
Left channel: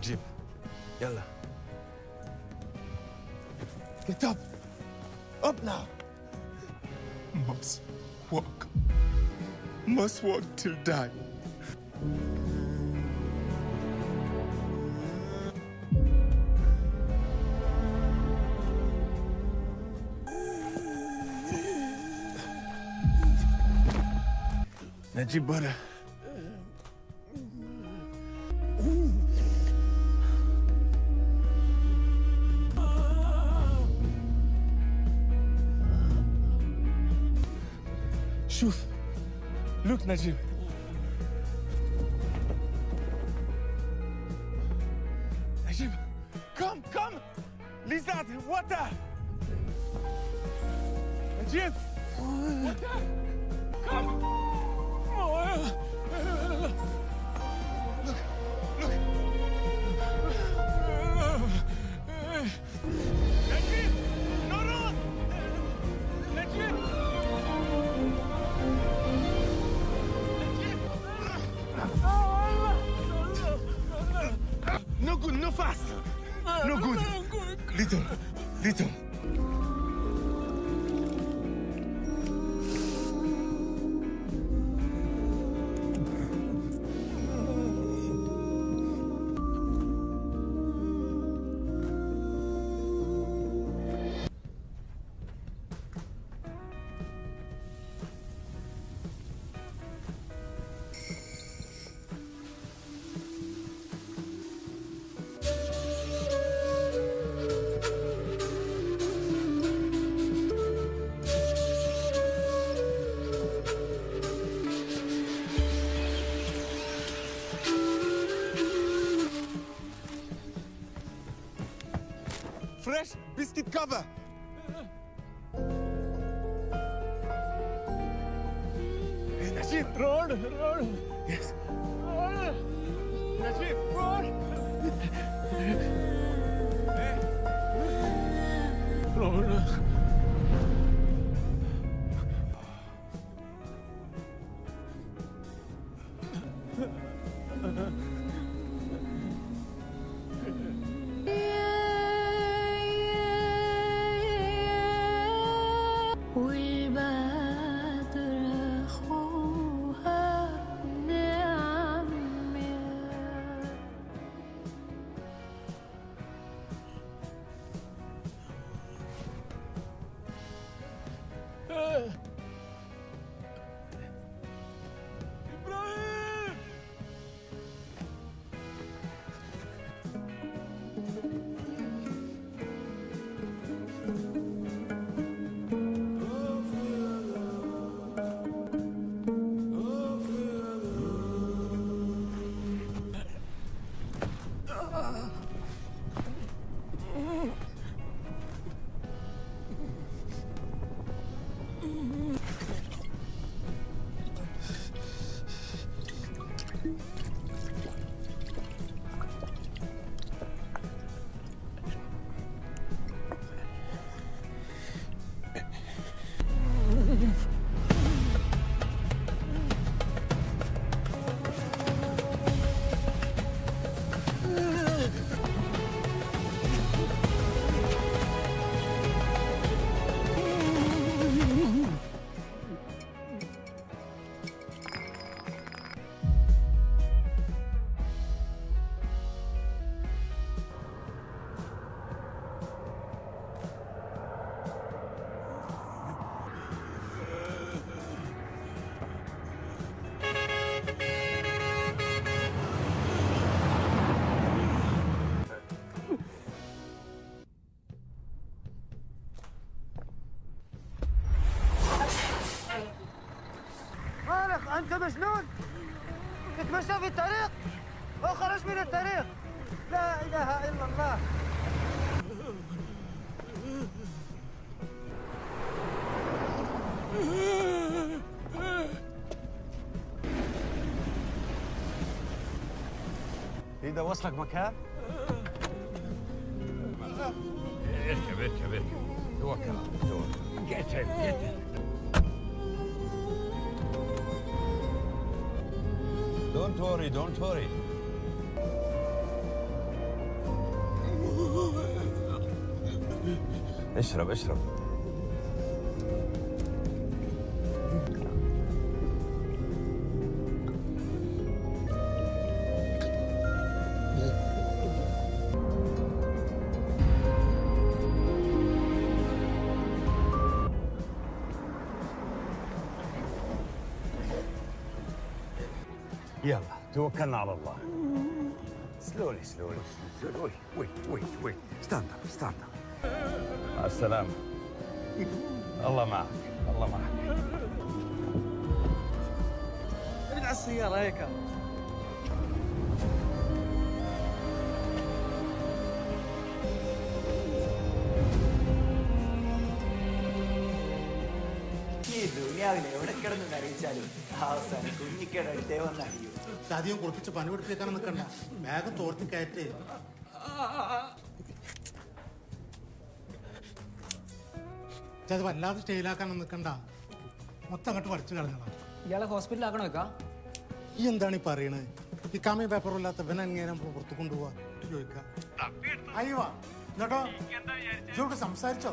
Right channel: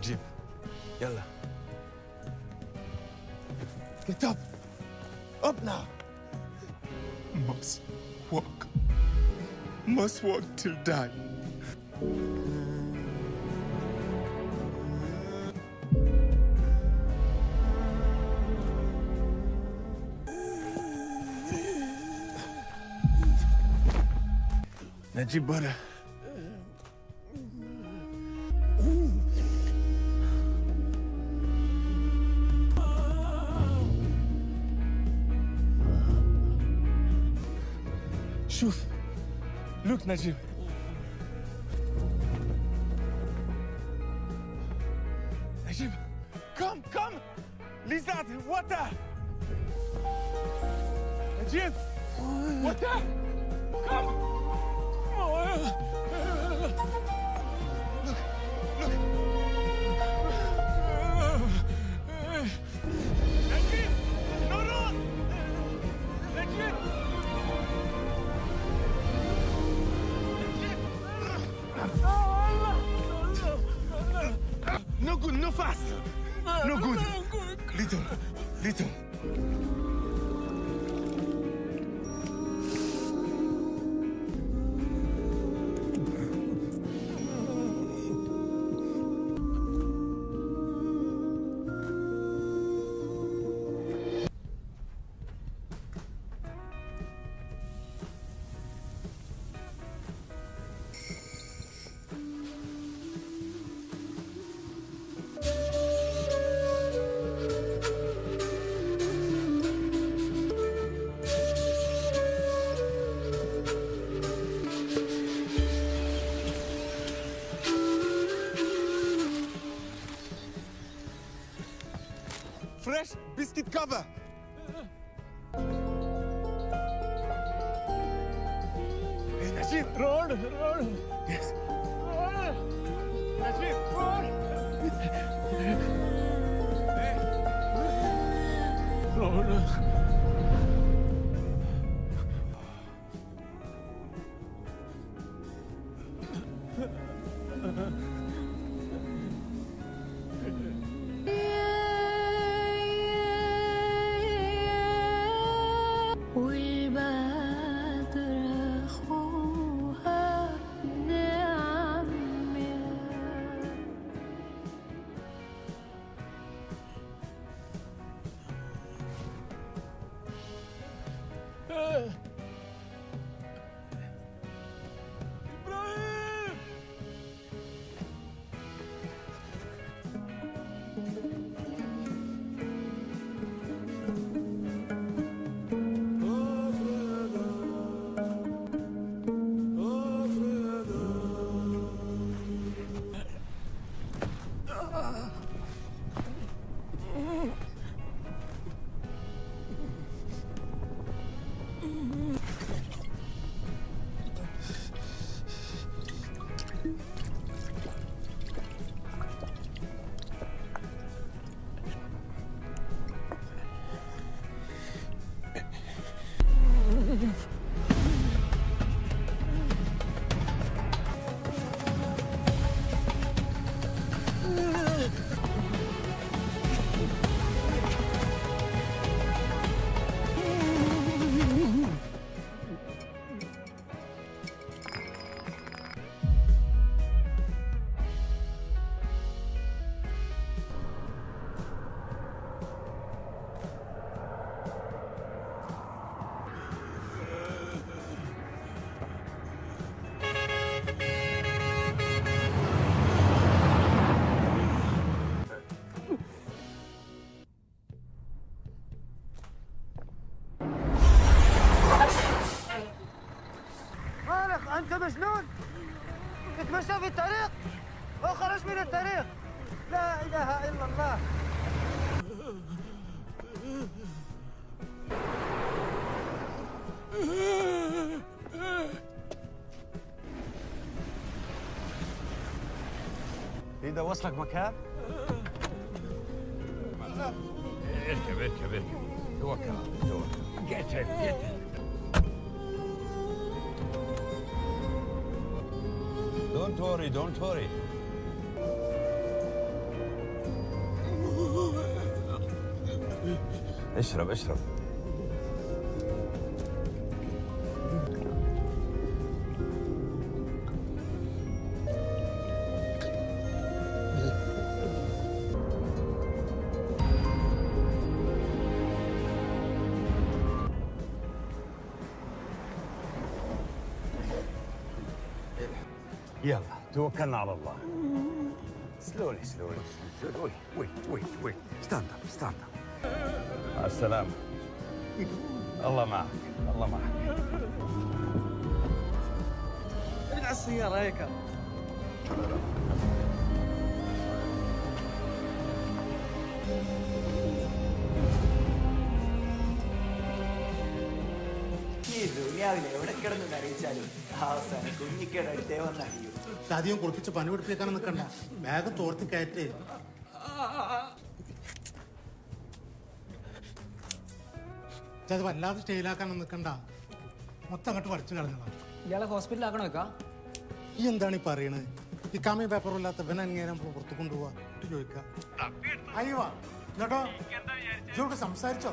جيب يلا Get up. Up now. Must walk. Must walk till die. Najib brother. شوف. Look, Najib. Najib, come. Lizard, water. Najib, water. Come. Look. Najib, no run. Najib. No good, no fast. No good. Little. Fresh biscuit cover. Hey, Najib, roll. Yes. Roll. Najib, roll. Hey. Roll. أنت مجنون؟ اتمشى في الطريق وخرج من الطريق. لا إله إلا الله. إذا وصلك مكان اركب توكل. قتل Don't worry. اشرب اشرب. يلا توكلنا على الله. سلولي سلولي سلولي. وي ستاند اب ستاند اب. مع السلامة. الله معك الله معك. ابعد على السيارة هيك. ഈ ദുനിയാവിൽ എവിടെ കിടന്ന് അറിയിച്ചാലും അവസാനം കുഞ്ഞിക്കേടെ അടുത്തേ വന്ന് അറിയൂ. അധികം കുളിപ്പിച്ച് പനി പിടിപ്പിക്കാൻ നിൽക്കണ്ട, വേഗം തോർത്തി കയറ്റ്. അത് വല്ലാതെ സ്റ്റൈലാക്കാനൊന്നും നിൽക്കണ്ട, മൊത്തം അങ്ങോട്ട് പഠിച്ചു കളഞ്ഞതാണ്. ഇയാളെ ഹോസ്പിറ്റലാക്കണോ വെക്കാ? ഈ എന്താണ് ഈ പറയണത്? ഈ കാമി പേപ്പറും ഇല്ലാത്ത ഇവനെ എങ്ങനെ പുറത്തു കൊണ്ടുപോവാ ചോദിക്കാം. അയ്യോ എന്നിട്ടോ ഇതോട് സംസാരിച്ചോ?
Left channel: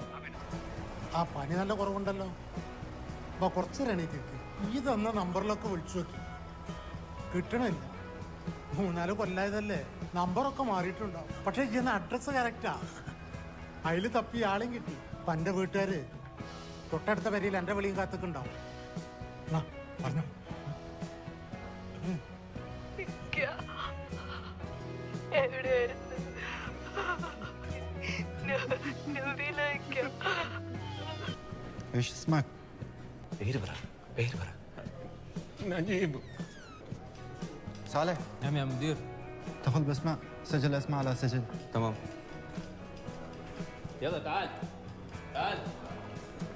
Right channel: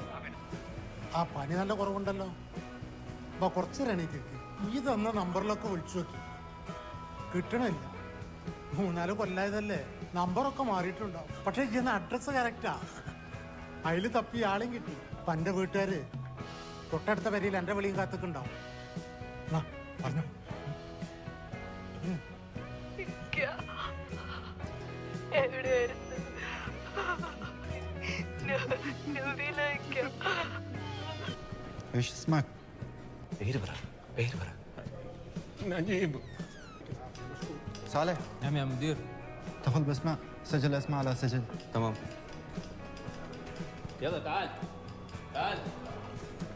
ആ പനി നല്ല കുറവുണ്ടല്ലോ. അപ്പൊ കുറച്ച് എണീറ്റിട്ട് ഈ തന്ന നമ്പറിലൊക്കെ വിളിച്ചു നോക്കി, കിട്ടണില്ല. 3-4 കൊല്ലായതല്ലേ, നമ്പറൊക്കെ മാറിയിട്ടുണ്ടാവും. പക്ഷെ ചെയ്യുന്ന അഡ്രസ്സ് കറക്റ്റാ. അതിൽ തപ്പി ആളെയും കിട്ടി. അപ്പൊ എന്റെ വീട്ടുകാര് തൊട്ടടുത്ത വരിയിൽ എന്റെ വിളിയും കാത്തൊക്കെണ്ടാവും. പറഞ്ഞു ايش اسمك؟ بيربرة نجيب. صالح. نعم يا مدير. تاخذ باسماء، سجل الاسماء على سجل. تمام. يلا تعال تعال.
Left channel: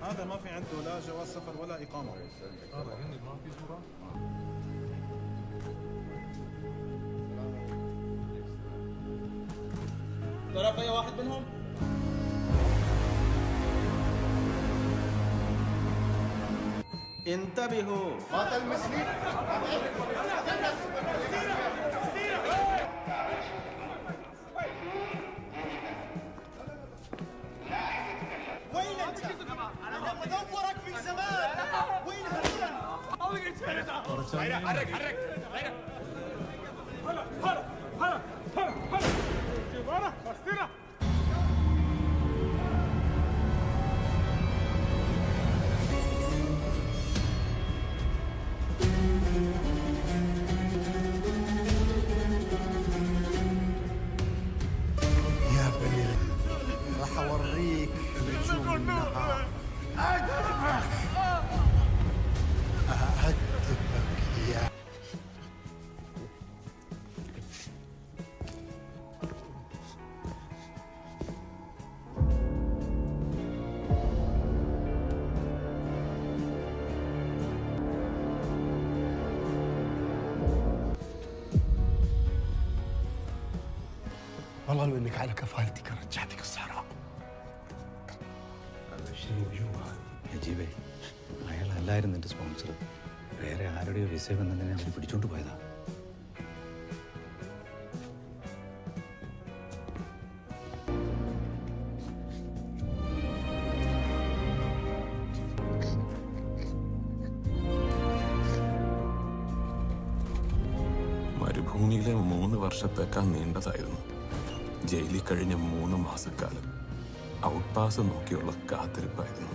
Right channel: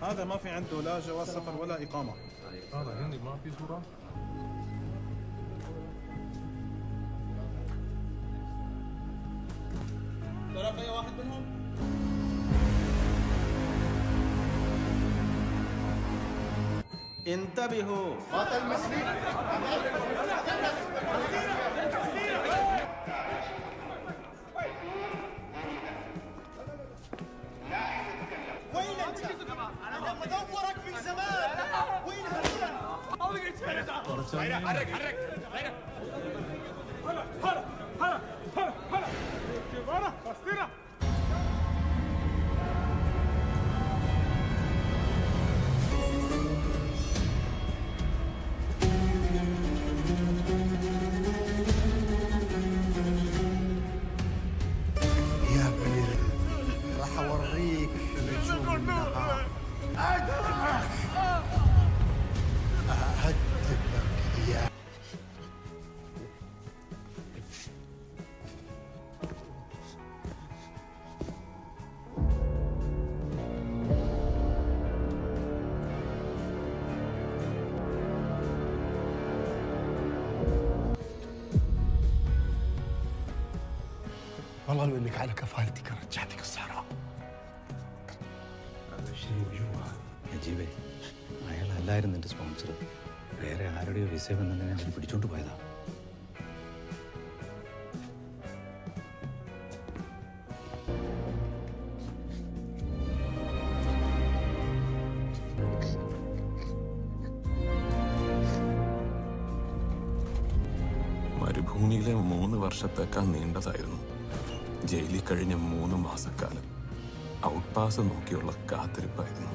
هذا ما في عنده لا جواز سفر ولا إقامة. هذا هندي ما في صورة. تعرف أي واحد منهم؟ انتبهوا. قاتل مسلم. وين انت؟ انا بدورك في زمان. وين هلا؟ حرك حرك حرك. هلا هلا هلا هلا هلا. جيبارة بستيرة. يا بني راح اوريك نجوم النهار. اهدبك يا والله لو انك على كفالتك رجعتك الصحراء. നജീബേ, അയാളല്ലായിരുന്നു എൻ്റെ സ്പോൺസർ. വേറെ ആരുടെയോ വിസ വന്നതിനെ അവർ പിടിച്ചോണ്ട് പോയതാ. മരുഭൂമിയിലെ 3 വർഷത്തേക്കാൾ നീണ്ടതായിരുന്നു ജയിലിൽ കഴിഞ്ഞ 3 മാസക്കാലം. Out pass നോക്കിയുള്ള കാത്തിരിപ്പായിരുന്നു.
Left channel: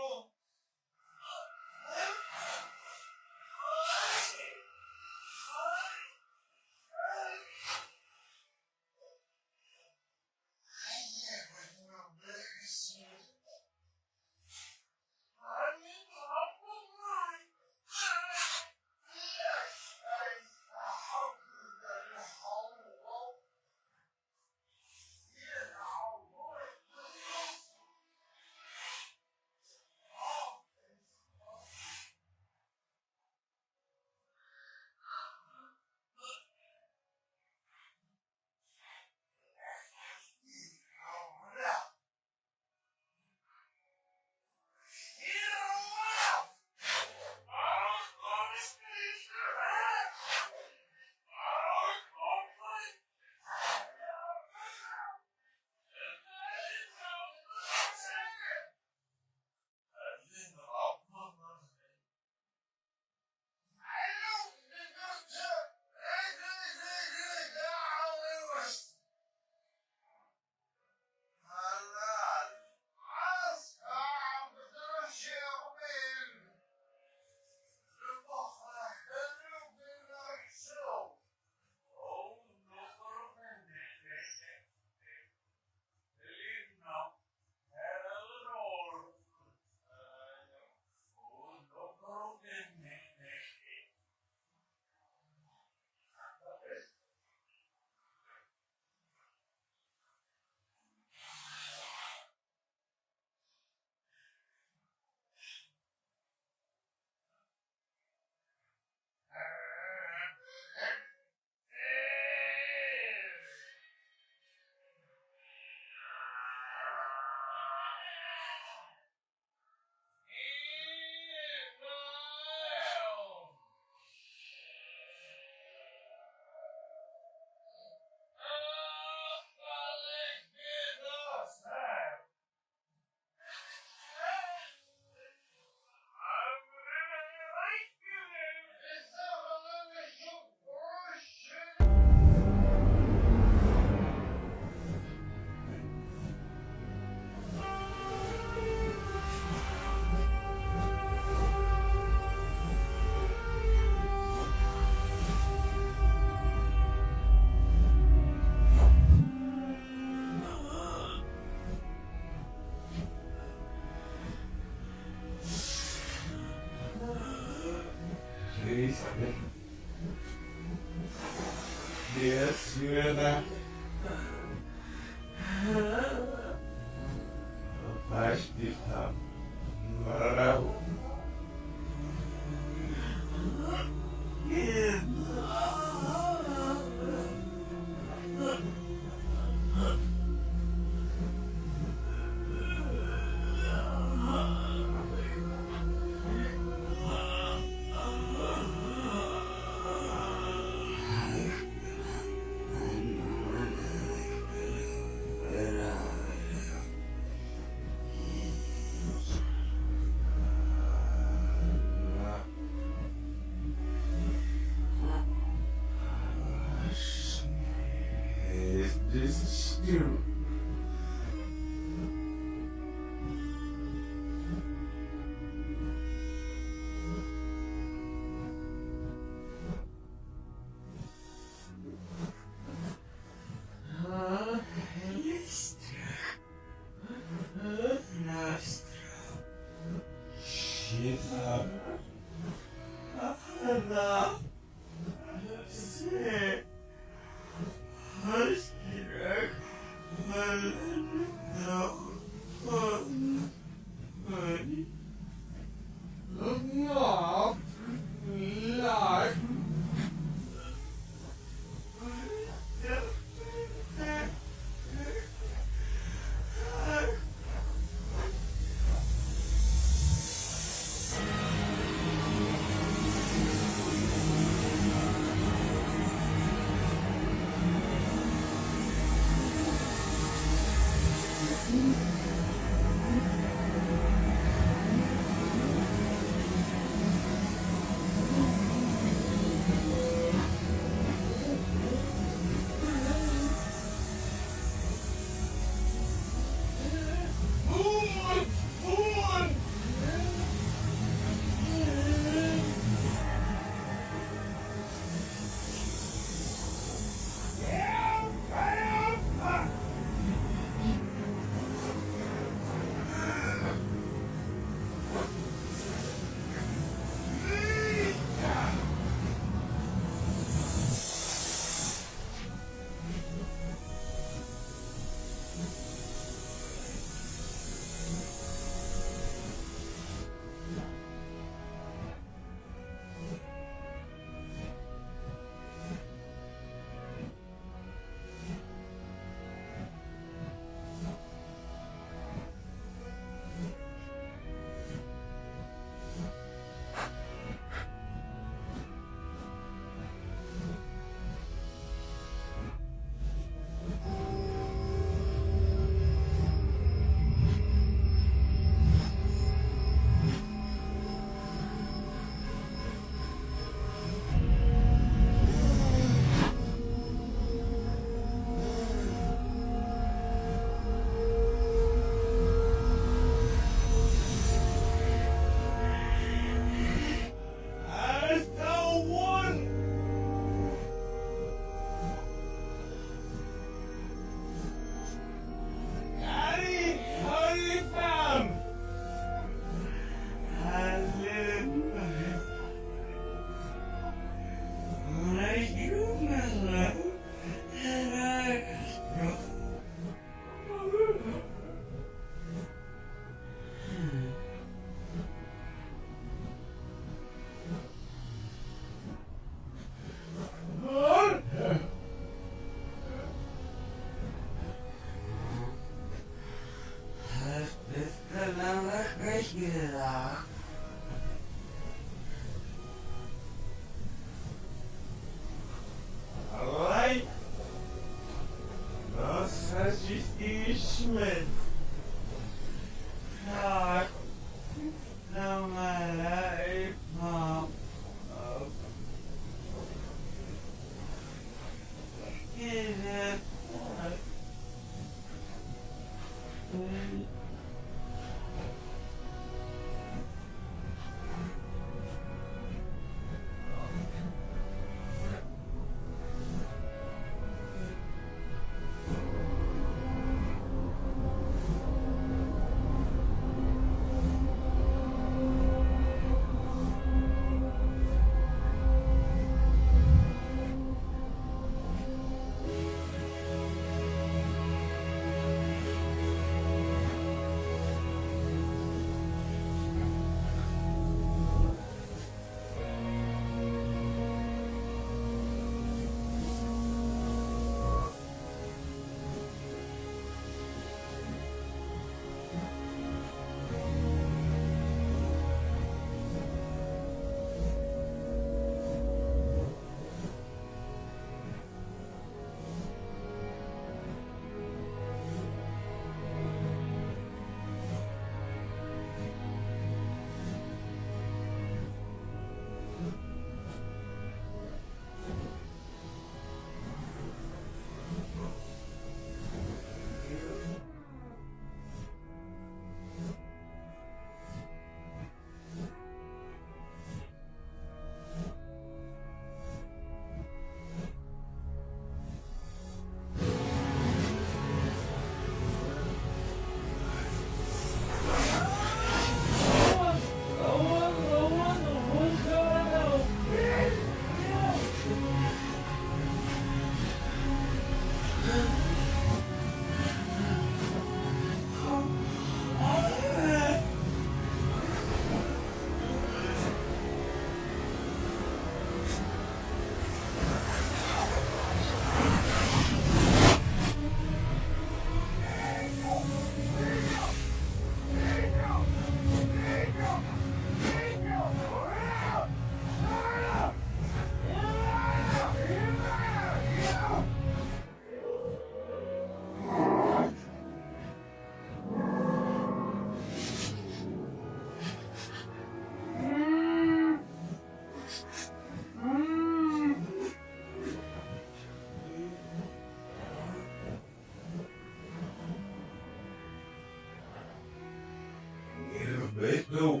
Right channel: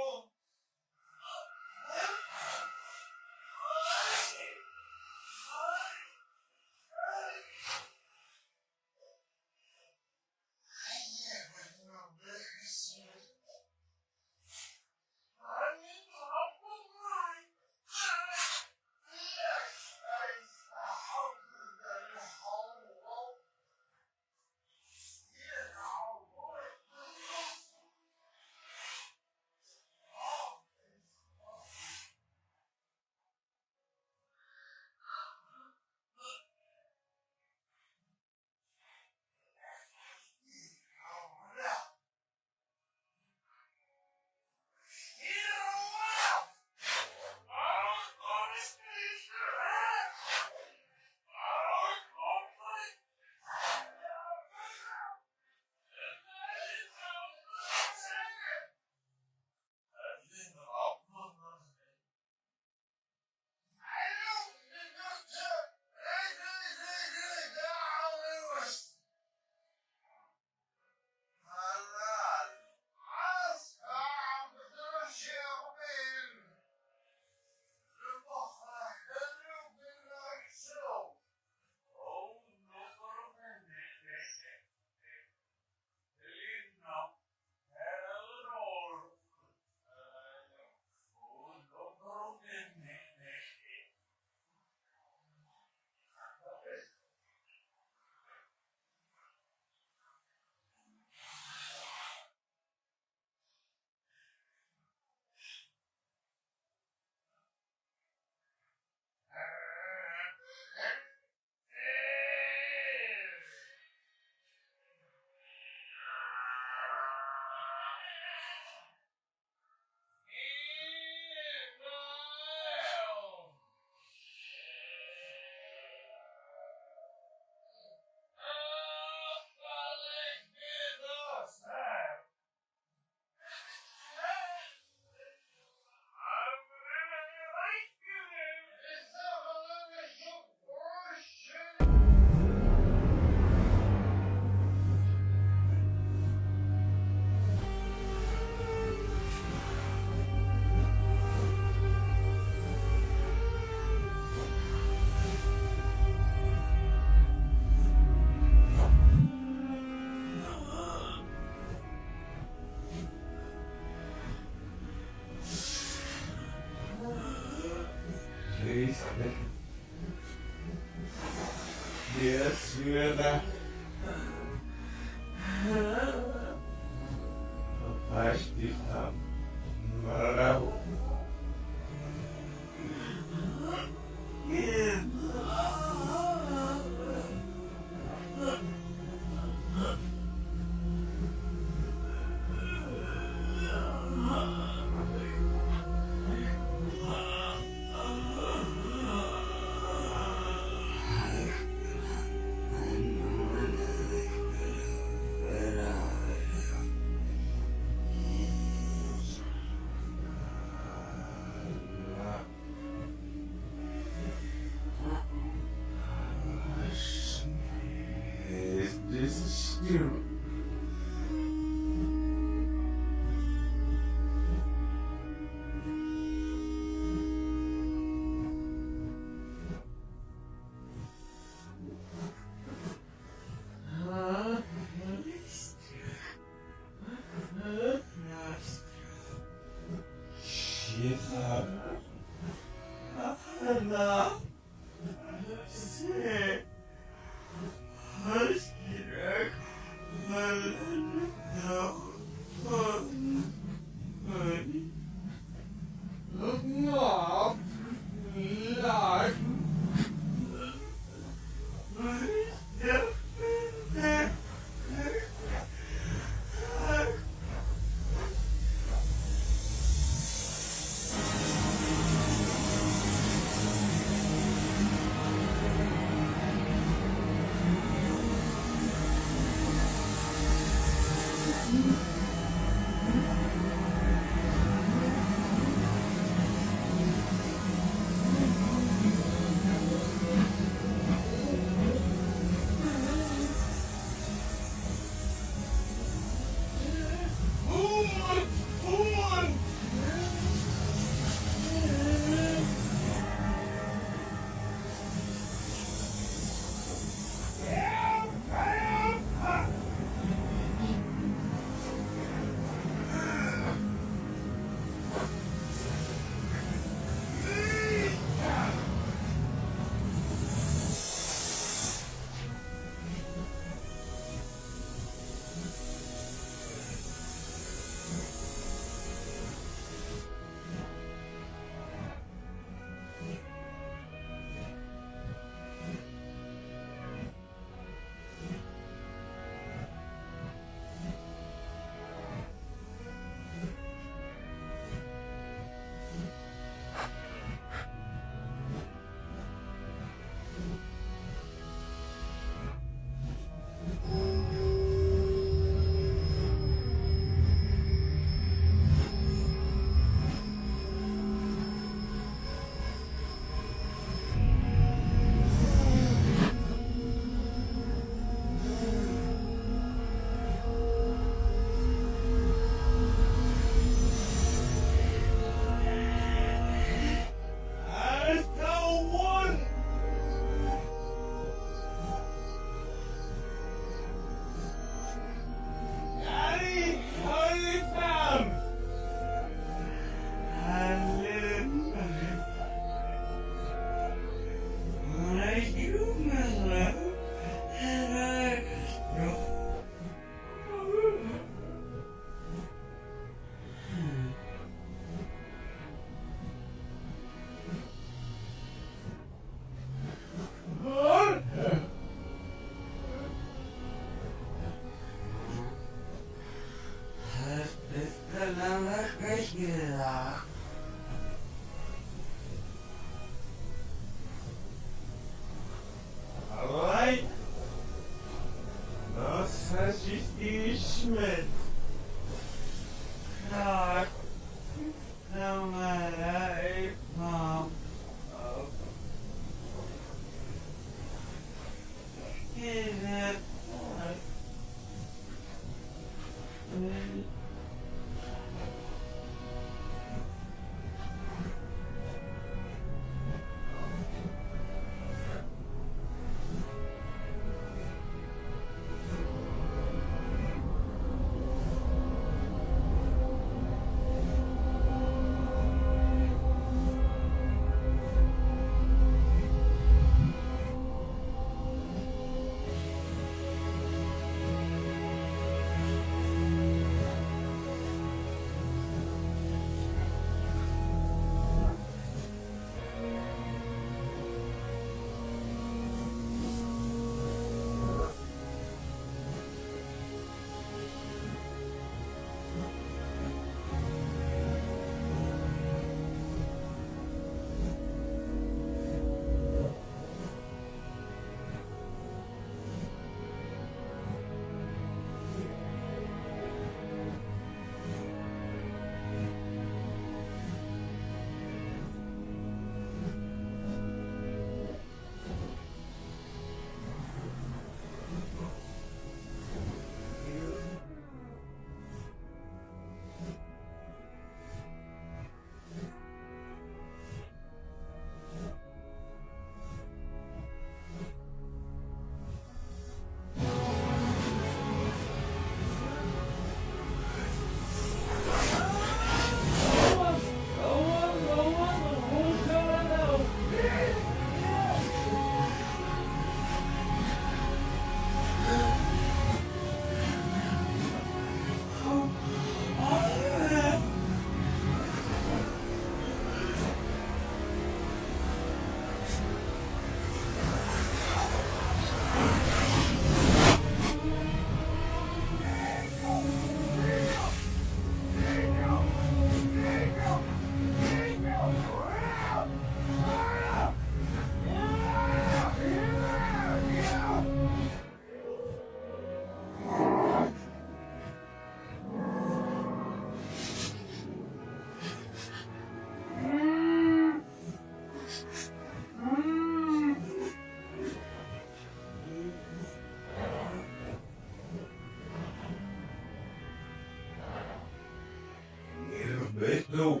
بيته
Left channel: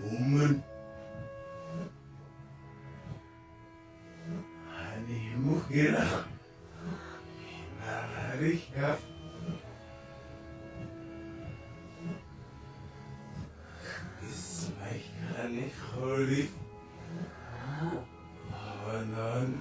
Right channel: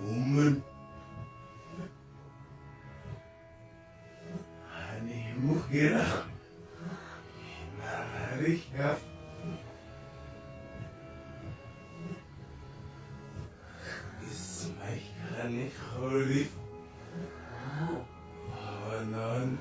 ومن هذه مشكلة مع ريكا اسمي خاني خولي ونان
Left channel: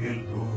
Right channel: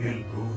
الروح